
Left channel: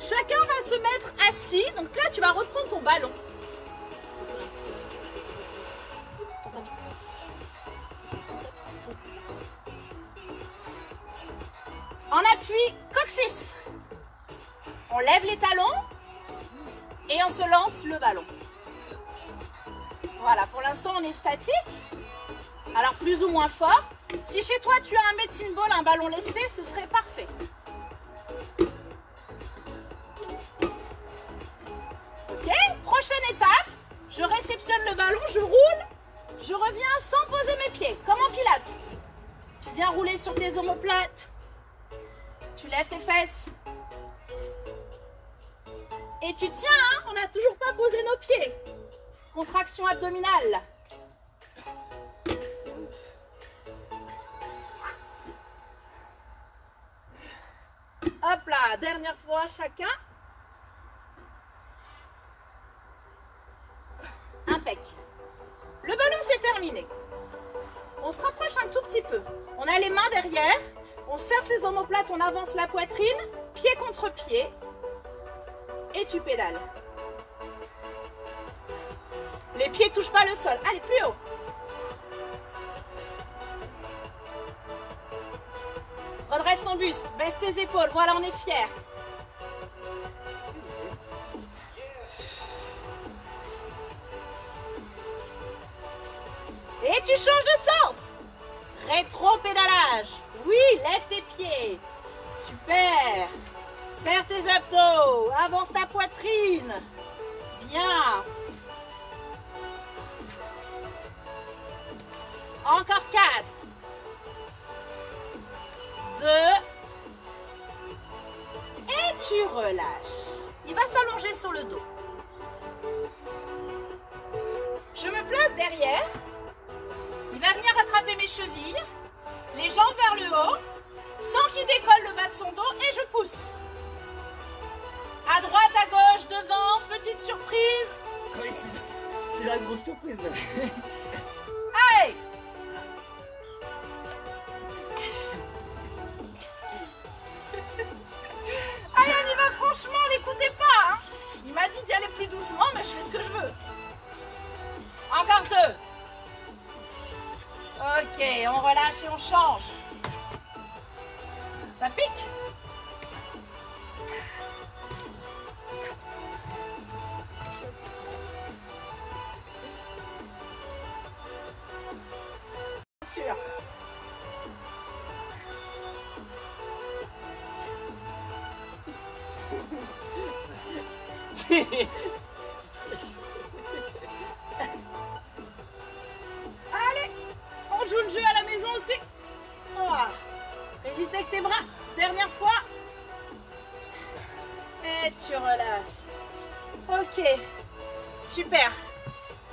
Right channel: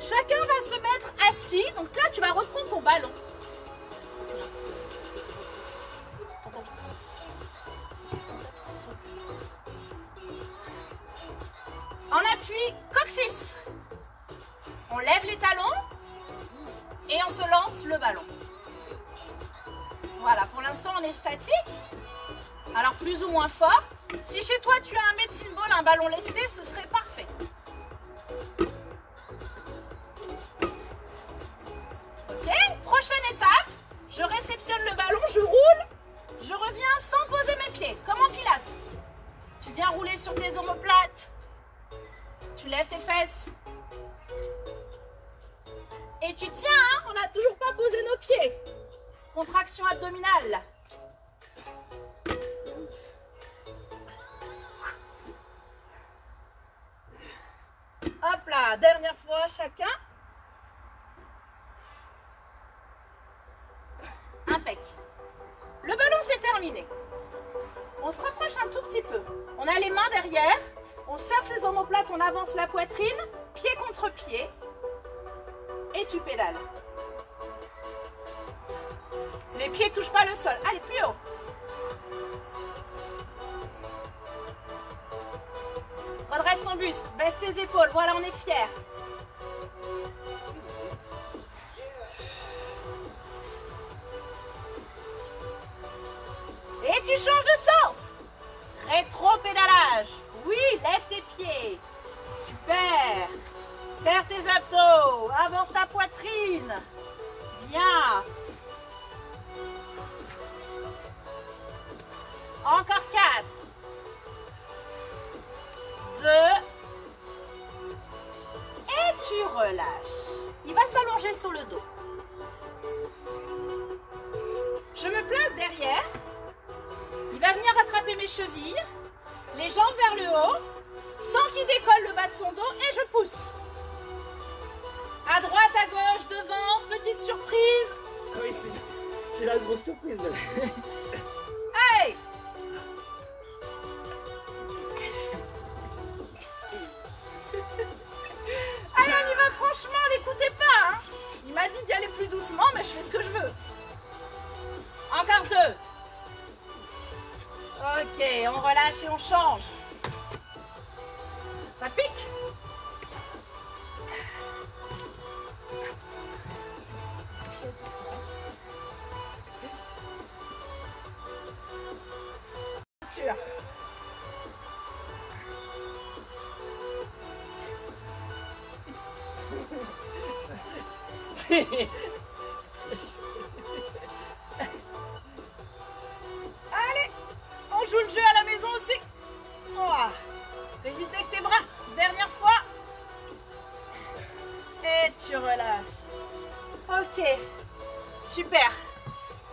Chacun va se mettre assis. Donc là, tu vas reprendre ton ballon. En appui coccyx. On lève les talons et on se lance le ballon. Voilà, pour l'instant on est statique. Alors plus ou moins fort. Si chez toi tu as un medicine ball, un ballon lesté, ce serait parfait. Ok, prochaine étape. Je réceptionne le ballon, je roule. Je reviens sans poser mes pieds, comme en pilates. Tu viens rouler sur tes omoplates. Tu lèves tes fesses. Et tu tiens, hein, on n'a toujours pas posé nos pieds. Contraction abdominale. Hop là, dernière fois chacun. Impec. Le ballon c'est terminé. On se rapproche un tout petit peu. On a les mains derrière. On serre ses omoplates, on avance la poitrine, pied contre pied. Et tu pédales. Les pieds ne touchent pas le sol. Allez, plus haut. Redresse ton buste, baisse tes épaules. Voilà, on est fiers. Et tu changes de sens. Rétro-pédalage. Oui, lève tes pieds. Super. Serre tes abdos. Avance ta poitrine. Bien. Encore 4. 2. Et tu relâches. Il va s'allonger sur le dos. Je me place derrière. Il va venir rattraper mes chevilles. Les jambes vers le haut. Sans qu'il décolle le bas de son dos. Et je pousse. À droite, à gauche, devant. Petite surprise. Oui, c'est la grosse surprise là. Allez. Allez, on y va franchement, n'écoutez pas. Hein. Il m'a dit d'y aller plus doucement, mais je fais ce que je veux. Encore 2. Ok, on relâche et on change. Ça pique. Sûr. Allez, on joue le jeu à la maison aussi. Oh. Résiste avec tes bras. Dernière fois. Et tu relâches. Ok, super.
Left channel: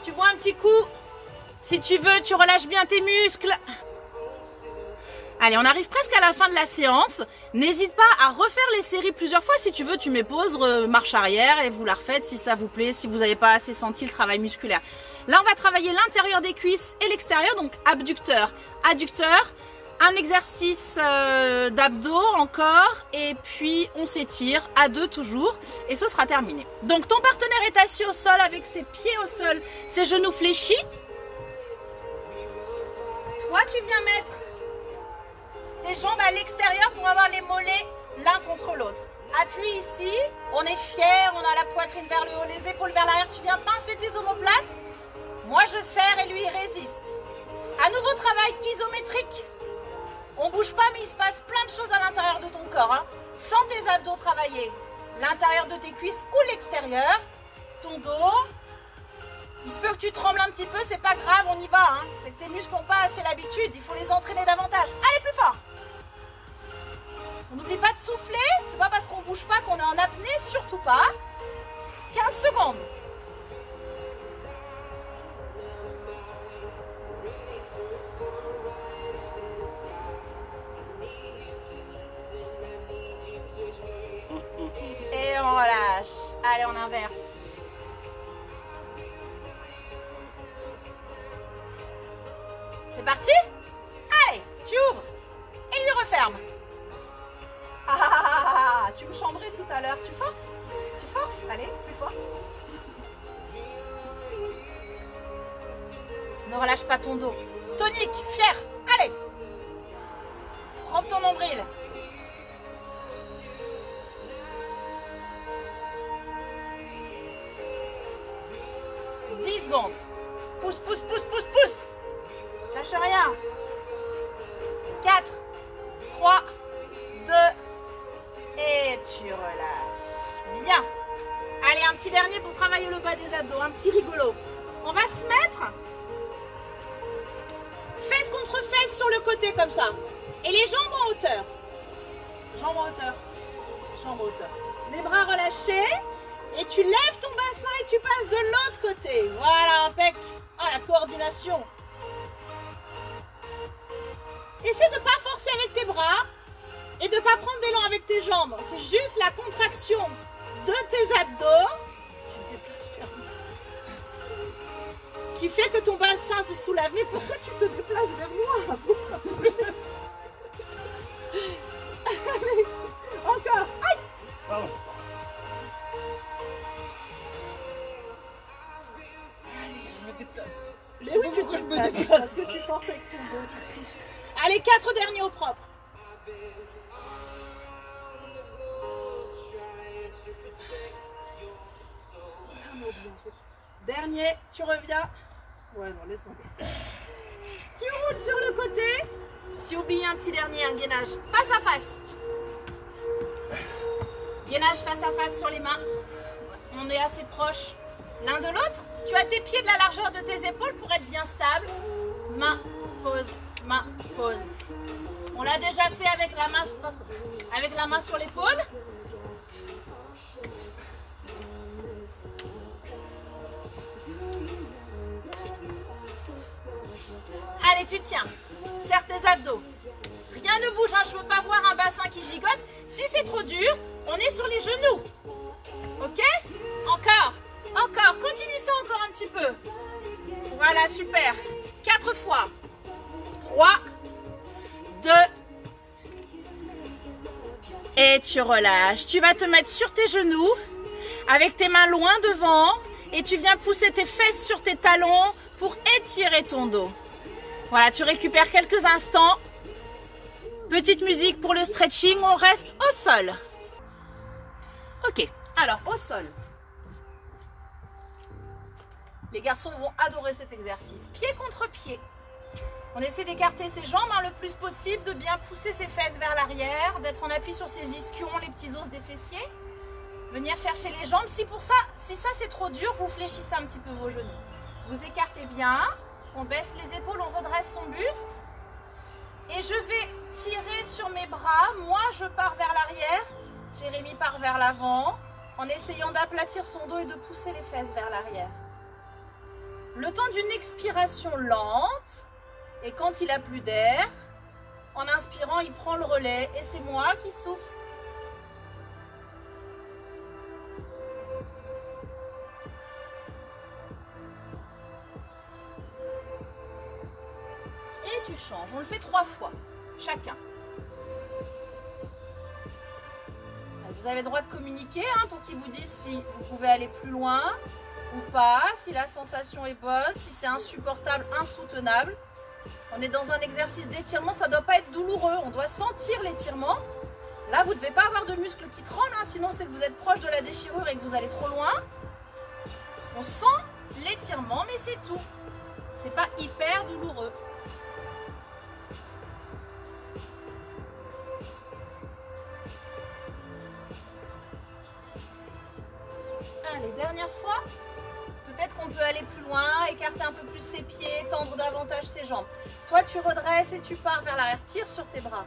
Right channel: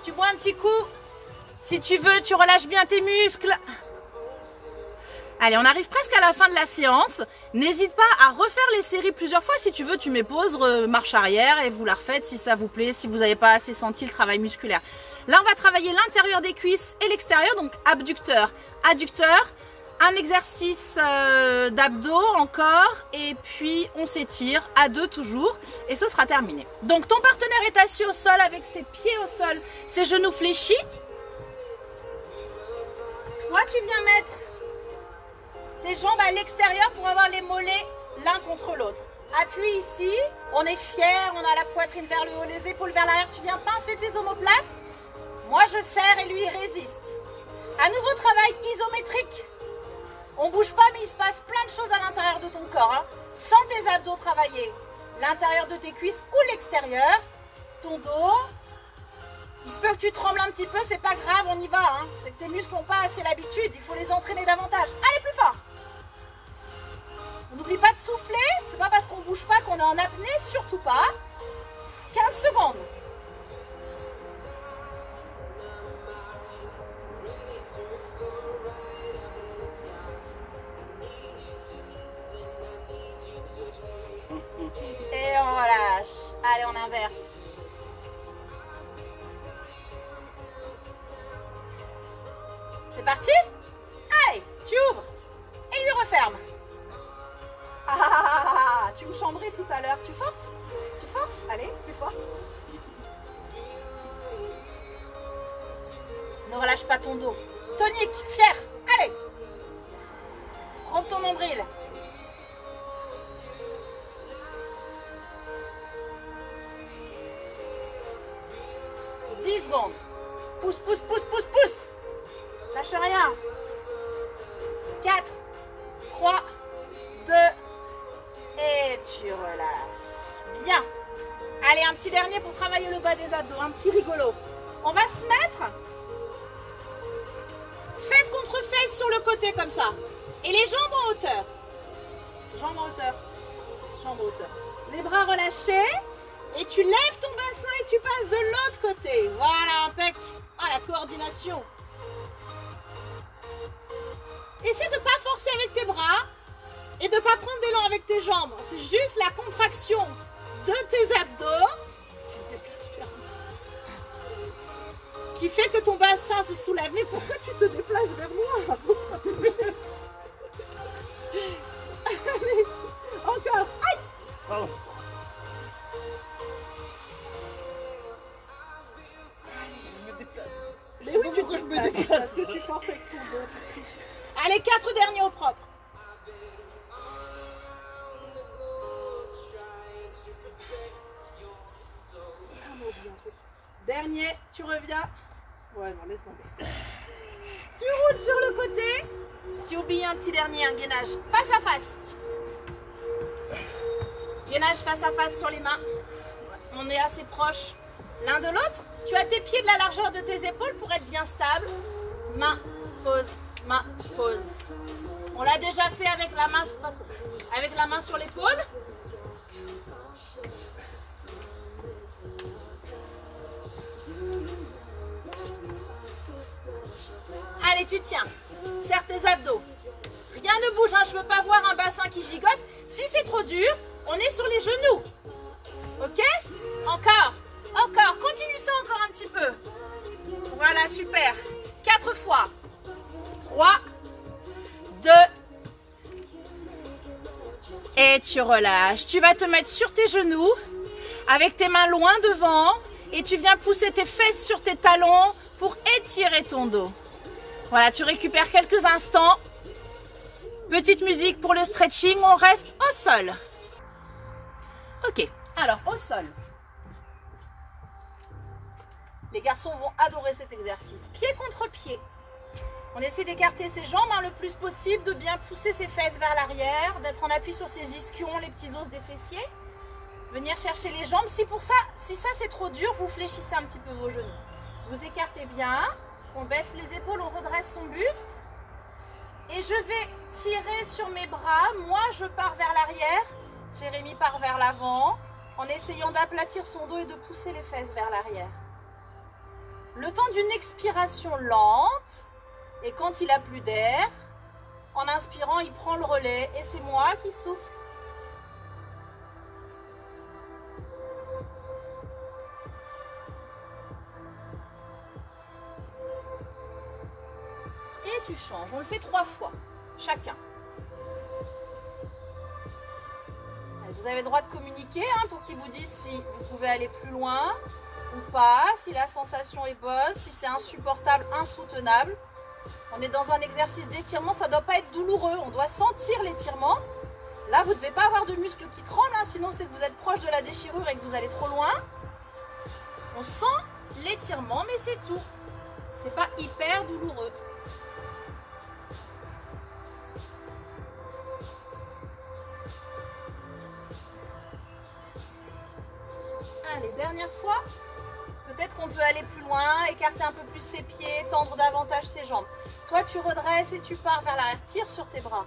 Tu bois un petit coup. Si tu veux, tu relâches bien tes muscles. Allez, on arrive presque à la fin de la séance. N'hésite pas à refaire les séries plusieurs fois. Si tu veux, tu mets pause, marche arrière et vous la refaites si ça vous plaît, si vous n'avez pas assez senti le travail musculaire. Là, on va travailler l'intérieur des cuisses et l'extérieur, donc abducteur, adducteur. Un exercice d'abdos encore et puis on s'étire à 2 toujours et ce sera terminé. Donc ton partenaire est assis au sol avec ses pieds au sol, ses genoux fléchis. Toi, tu viens mettre tes jambes à l'extérieur pour avoir les mollets l'un contre l'autre. Appuie ici, on est fier, on a la poitrine vers le haut, les épaules vers l'arrière. Tu viens pincer tes omoplates. Moi, je serre et lui, il résiste. Un nouveau travail isométrique. On bouge pas, mais il se passe plein de choses à l'intérieur de ton corps. Hein. Sens tes abdos travailler. L'intérieur de tes cuisses ou l'extérieur. Ton dos. Il se peut que tu trembles un petit peu, c'est pas grave, on y va. Hein. C'est que tes muscles n'ont pas assez l'habitude, il faut les entraîner davantage. Allez, plus fort. On n'oublie pas de souffler. C'est pas parce qu'on bouge pas qu'on est en apnée, surtout pas. 15 secondes. Et on relâche. Allez, on inverse. C'est parti? Allez, tu ouvres et lui refermes. Ah, tu me chambrais tout à l'heure. Tu forces? Tu forces? Allez, plus fort. Ne relâche pas ton dos. Tonique, fier. Allez. Prends ton nombril. « 10 secondes. Pousse, pousse, pousse, pousse, pousse. Lâche rien. 4, 3, 2, et tu relâches. Bien. Allez, un petit dernier pour travailler le bas des abdos, un petit rigolo. On va se mettre fesse contre fesse sur le côté comme ça. Et les jambes en hauteur. Jambes en hauteur. Jambes en hauteur. Les bras relâchés. Et tu lèves ton bassin et tu passes de l'autre côté. Voilà, impec. Ah, la coordination. Essaie de ne pas forcer avec tes bras et de ne pas prendre d'élan avec tes jambes. C'est juste la contraction de tes abdos. Tu te déplaces vers moi. Qui fait que ton bassin se soulève. Mais pourquoi tu te déplaces vers moi? Allez, encore. Aïe. Pardon. Je me déplace. Mais oui, Pourquoi je me déplace? parce que tu forces avec ton dos, tu triches. Allez, 4 derniers au propre. Dernier, tu reviens. Ouais, non, laisse tomber. Tu roules sur le côté. J'ai oublié un petit dernier, un gainage. Face à face. Gainage face à face sur les mains. On est assez proches l'un de l'autre. Tu as tes pieds de la largeur de tes épaules pour être bien stable. Main, pause, main, pause. On l'a déjà fait avec la main sur l'épaule. Allez, tu tiens. Serre tes abdos. Rien ne bouge, hein. Je ne veux pas voir un bassin qui gigote. Si c'est trop dur, on est sur les genoux. Ok? Encore. Encore. Continue ça encore un petit peu. Voilà, super. 4 fois. 3, 2, et tu relâches. Tu vas te mettre sur tes genoux avec tes mains loin devant et tu viens pousser tes fesses sur tes talons pour étirer ton dos. Voilà, tu récupères quelques instants. Petite musique pour le stretching, on reste au sol. Ok, alors au sol. Les garçons vont adorer cet exercice. Pied contre pied. On essaie d'écarter ses jambes le plus possible, de bien pousser ses fesses vers l'arrière, d'être en appui sur ses ischions, les petits os des fessiers. Venir chercher les jambes. Si ça c'est trop dur, vous fléchissez un petit peu vos genoux. Vous écartez bien, on baisse les épaules, on redresse son buste. Et je vais tirer sur mes bras. Moi, je pars vers l'arrière. Jérémy part vers l'avant, en essayant d'aplatir son dos et de pousser les fesses vers l'arrière. Le temps d'une expiration lente. Et quand il n'a plus d'air, en inspirant, il prend le relais et c'est moi qui souffle. Et tu changes. On le fait 3 fois, chacun. Vous avez le droit de communiquer pour qu'ils vous disent si vous pouvez aller plus loin ou pas, si la sensation est bonne, si c'est insupportable, insoutenable. On est dans un exercice d'étirement, ça ne doit pas être douloureux, on doit sentir l'étirement. Là, vous ne devez pas avoir de muscles qui tremblent, sinon c'est que vous êtes proche de la déchirure et que vous allez trop loin. On sent l'étirement, mais c'est tout. C'est pas hyper douloureux. Allez, dernière fois. Peut-être qu'on peut aller plus loin, écarter un peu plus ses pieds, tendre davantage ses jambes. Toi, tu redresses et tu pars vers l'arrière. Tire sur tes bras.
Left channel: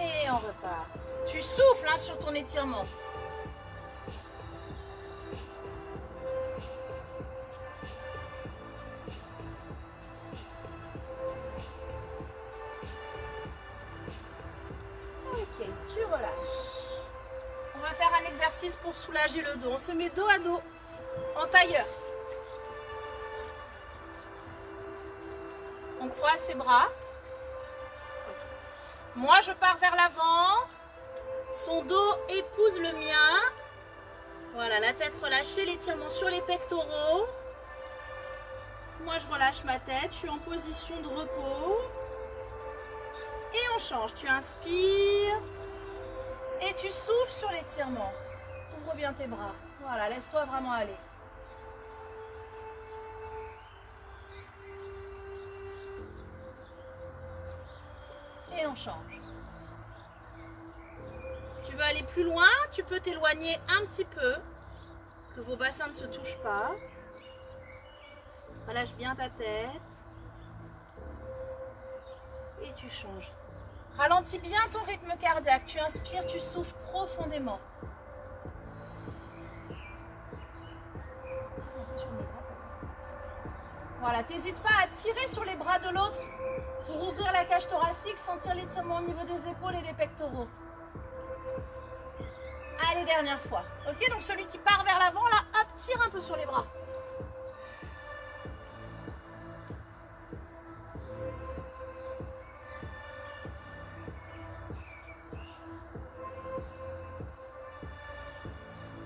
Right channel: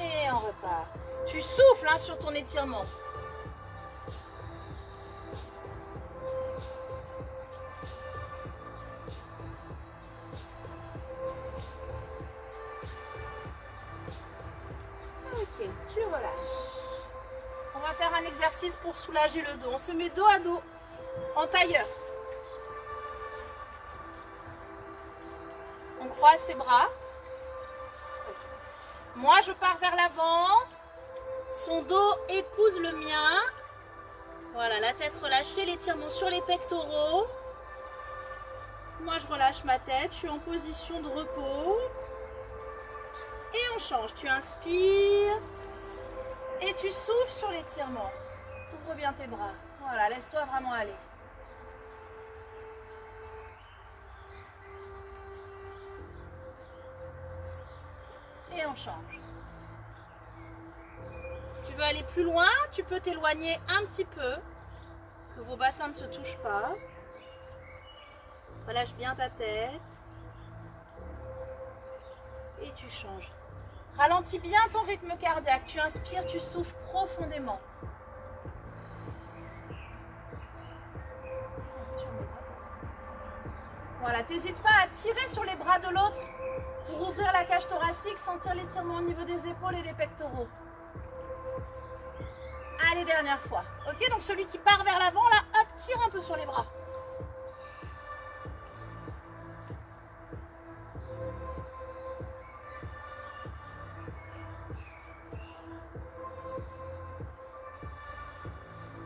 Et on repart. Tu souffles sur ton étirement. Ok, tu relâches. On va faire un exercice pour soulager le dos. On se met dos à dos, en tailleur. On croise ses bras. Okay. Moi, je pars vers l'avant. Son dos épouse le mien. Voilà, la tête relâchée, l'étirement sur les pectoraux. Moi, je relâche ma tête. Je suis en position de repos. Et on change. Tu inspires. Et tu souffles sur l'étirement. Ouvre bien tes bras. Voilà, laisse-toi vraiment aller. Et on change. Si tu veux aller plus loin, tu peux t'éloigner un petit peu, que vos bassins ne se touchent pas. Relâche bien ta tête. Et tu changes. Ralentis bien ton rythme cardiaque. Tu inspires, tu souffles profondément. Voilà, t'hésites pas à tirer sur les bras de l'autre pour ouvrir la cage thoracique, sentir l'étirement au niveau des épaules et des pectoraux. Allez, dernière fois. Ok, donc celui qui part vers l'avant, là, hop, tire un peu sur les bras.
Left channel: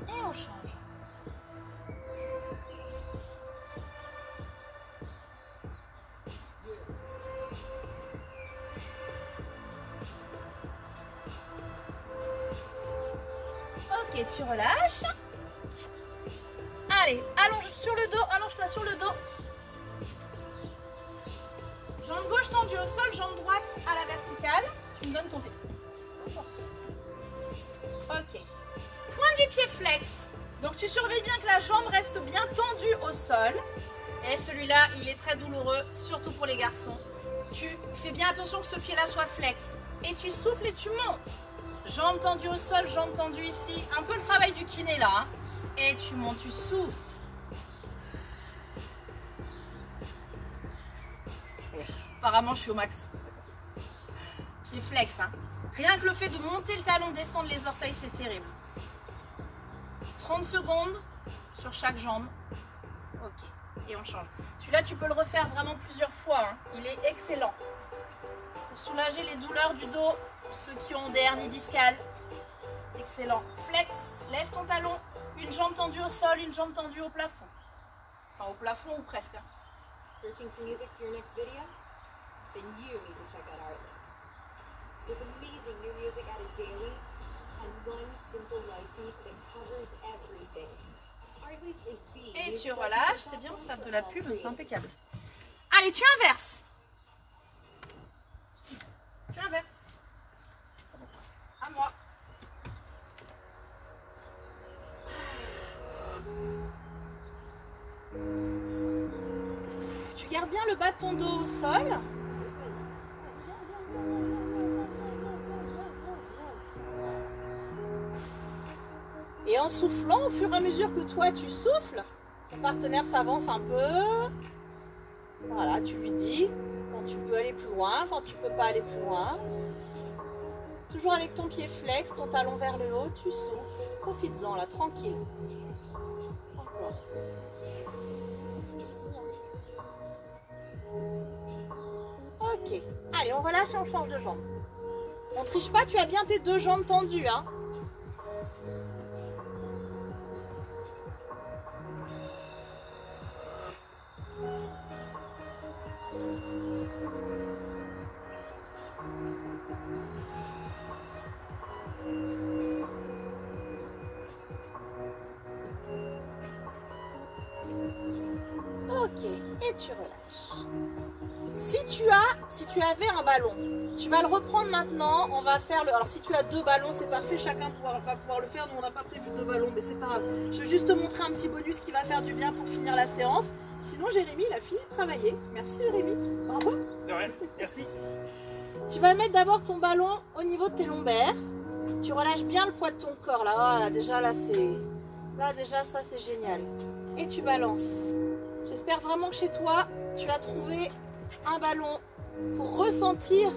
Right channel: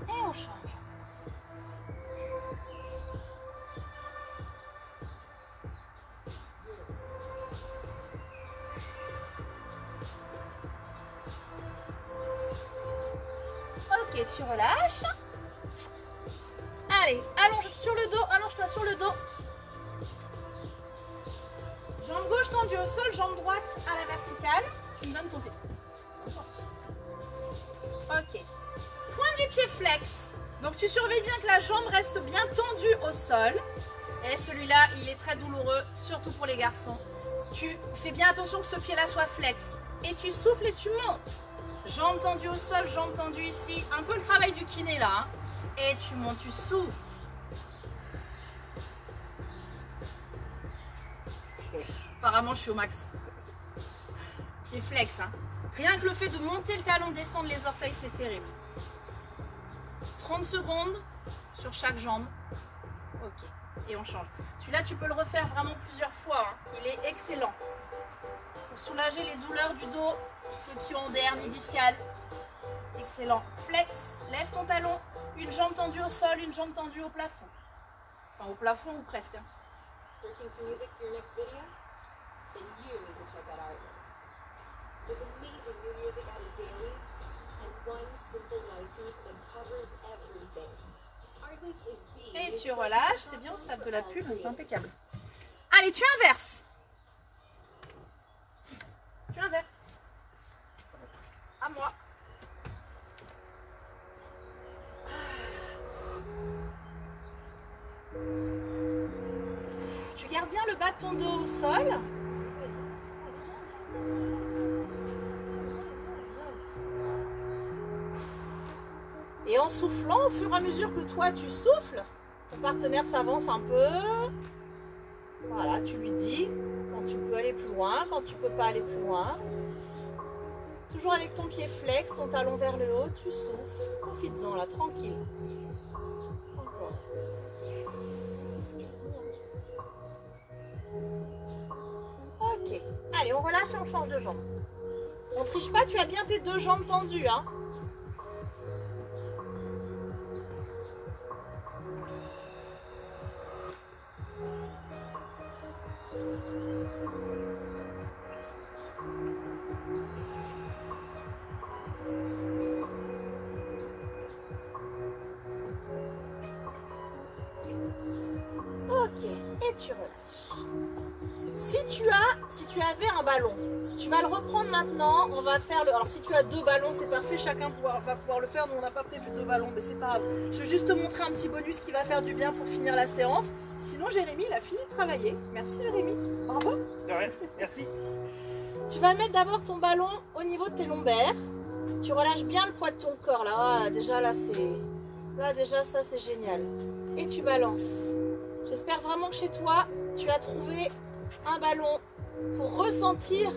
Et on change. Ok, tu relâches. Allez, allonge sur le dos, allonge-toi sur le dos. Jambe gauche tendue au sol, jambe droite à la verticale. Tu me donnes ton pied. Ok. Point du pied flex. Donc tu surveilles bien que la jambe reste bien tendue au sol. Et celui-là, il est très douloureux, surtout pour les garçons. Tu fais bien attention que ce pied-là soit flex. Et tu souffles et tu montes. Jambes tendues au sol, jambes tendues ici. Un peu le travail du kiné là. Hein. Et tu montes, tu souffles. Apparemment, je suis au max. Pied flex. Hein. Rien que le fait de monter le talon, descendre les orteils, c'est terrible. 30 secondes sur chaque jambe. Ok. Et on change. Celui-là, tu peux le refaire vraiment plusieurs fois. Hein. Il est excellent. Pour soulager les douleurs du dos. Ceux qui ont des hernies discales. Excellent. Flex, lève ton talon. Une jambe tendue au sol, une jambe tendue au plafond. Enfin, au plafond ou presque. Hein. Searching for music for your next video? Then you need to check out our list. With amazing new music added daily and one simple license that covers everything. Our list is the Et tu relâches, c'est bien, on se tape de la pub, c'est impeccable. Allez, tu inverses. Tu inverses. À moi. Tu gardes bien le bas de ton dos au sol. Et en soufflant, au fur et à mesure que toi tu souffles, ton partenaire s'avance un peu. Voilà, tu lui dis quand tu peux aller plus loin, quand tu peux pas aller plus loin. Toujours avec ton pied flex, ton talon vers le haut, tu souffles. Profites-en là, tranquille. Encore. Ok. Allez, on relâche et on change de jambe. On triche pas, tu as bien tes deux jambes tendues. Hein. Ok, et tu relâches. Si tu avais un ballon, tu vas le reprendre maintenant. On va faire le. Alors si tu as deux ballons, c'est parfait. Chacun va pouvoir le faire. Nous on n'a pas prévu deux ballons, mais c'est pas grave. Je veux juste te montrer un petit bonus qui va faire du bien pour finir la séance. Sinon Jérémy, il a fini de travailler. Merci Jérémy. Bravo. De rien, merci. Tu vas mettre d'abord ton ballon au niveau de tes lombaires. Tu relâches bien le poids de ton corps là. Ah, déjà là déjà ça c'est génial. Et tu balances. J'espère vraiment que chez toi, tu as trouvé un ballon pour ressentir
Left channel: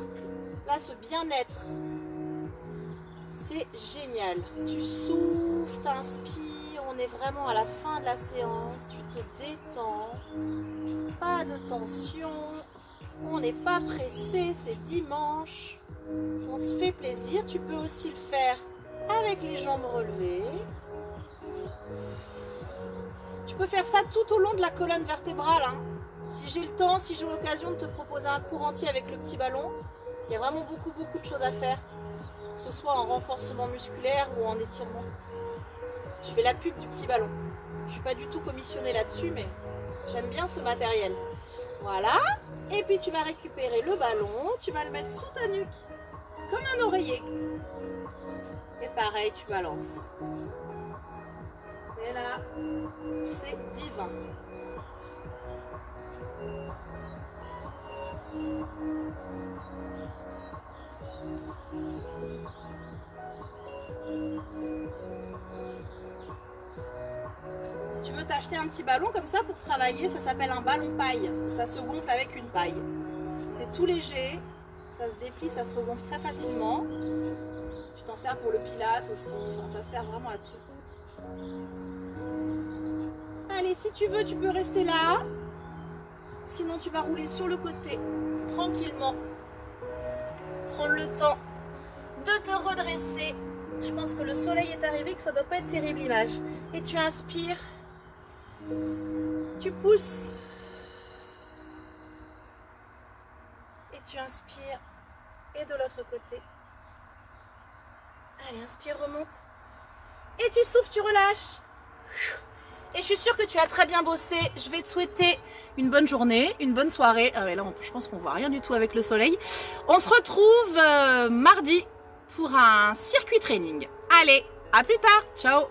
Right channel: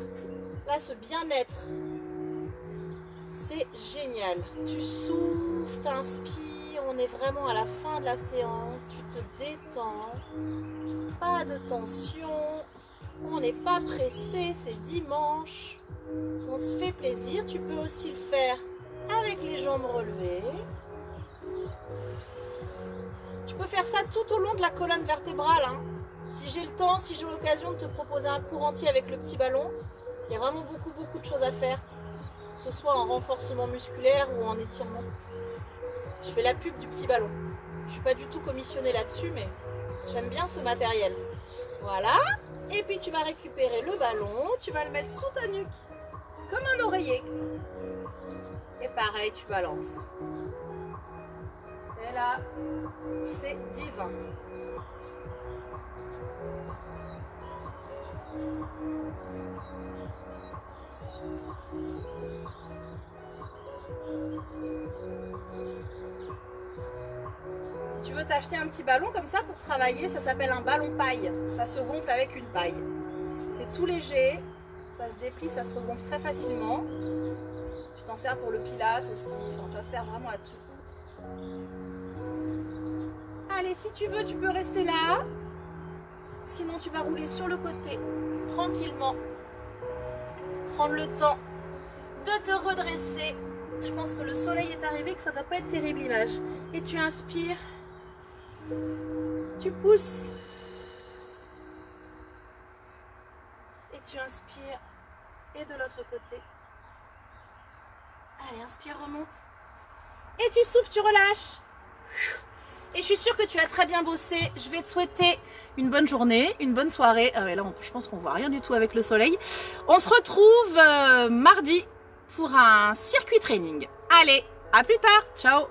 là ce bien-être. C'est génial. Tu souffles, t'inspires, on est vraiment à la fin de la séance. Tu te détends, pas de tension. On n'est pas pressé, c'est dimanche. On se fait plaisir. Tu peux aussi le faire avec les jambes relevées. Tu peux faire ça tout au long de la colonne vertébrale. Hein. Si j'ai le temps, si j'ai l'occasion de te proposer un cours entier avec le petit ballon, il y a vraiment beaucoup de choses à faire. Que ce soit en renforcement musculaire ou en étirement. Je fais la pub du petit ballon. Je ne suis pas du tout commissionnée là-dessus, mais j'aime bien ce matériel. Voilà. Et puis tu vas récupérer le ballon, tu vas le mettre sous ta nuque, comme un oreiller. Et pareil, tu balances. Et là, c'est divin. Si tu veux t'acheter un petit ballon comme ça pour travailler, ça s'appelle un ballon paille. Ça se gonfle avec une paille. C'est tout léger, ça se déplie, ça se regonfle très facilement. Tu t'en sers pour le pilate aussi, enfin, ça sert vraiment à tout. Allez, si tu veux, tu peux rester là. Sinon, tu vas rouler sur le côté, tranquillement. Prendre le temps de te redresser. Je pense que le soleil est arrivé, que ça ne doit pas être terrible l'image. Et tu inspires. Tu pousses. Et tu inspires. Et de l'autre côté. Allez, inspire, remonte. Et tu souffles, tu relâches. Et je suis sûre que tu as très bien bossé. Je vais te souhaiter une bonne journée, une bonne soirée. Ah ouais, là, je pense qu'on voit rien du tout avec le soleil. On se retrouve mardi pour un circuit training. Allez, à plus tard. Ciao.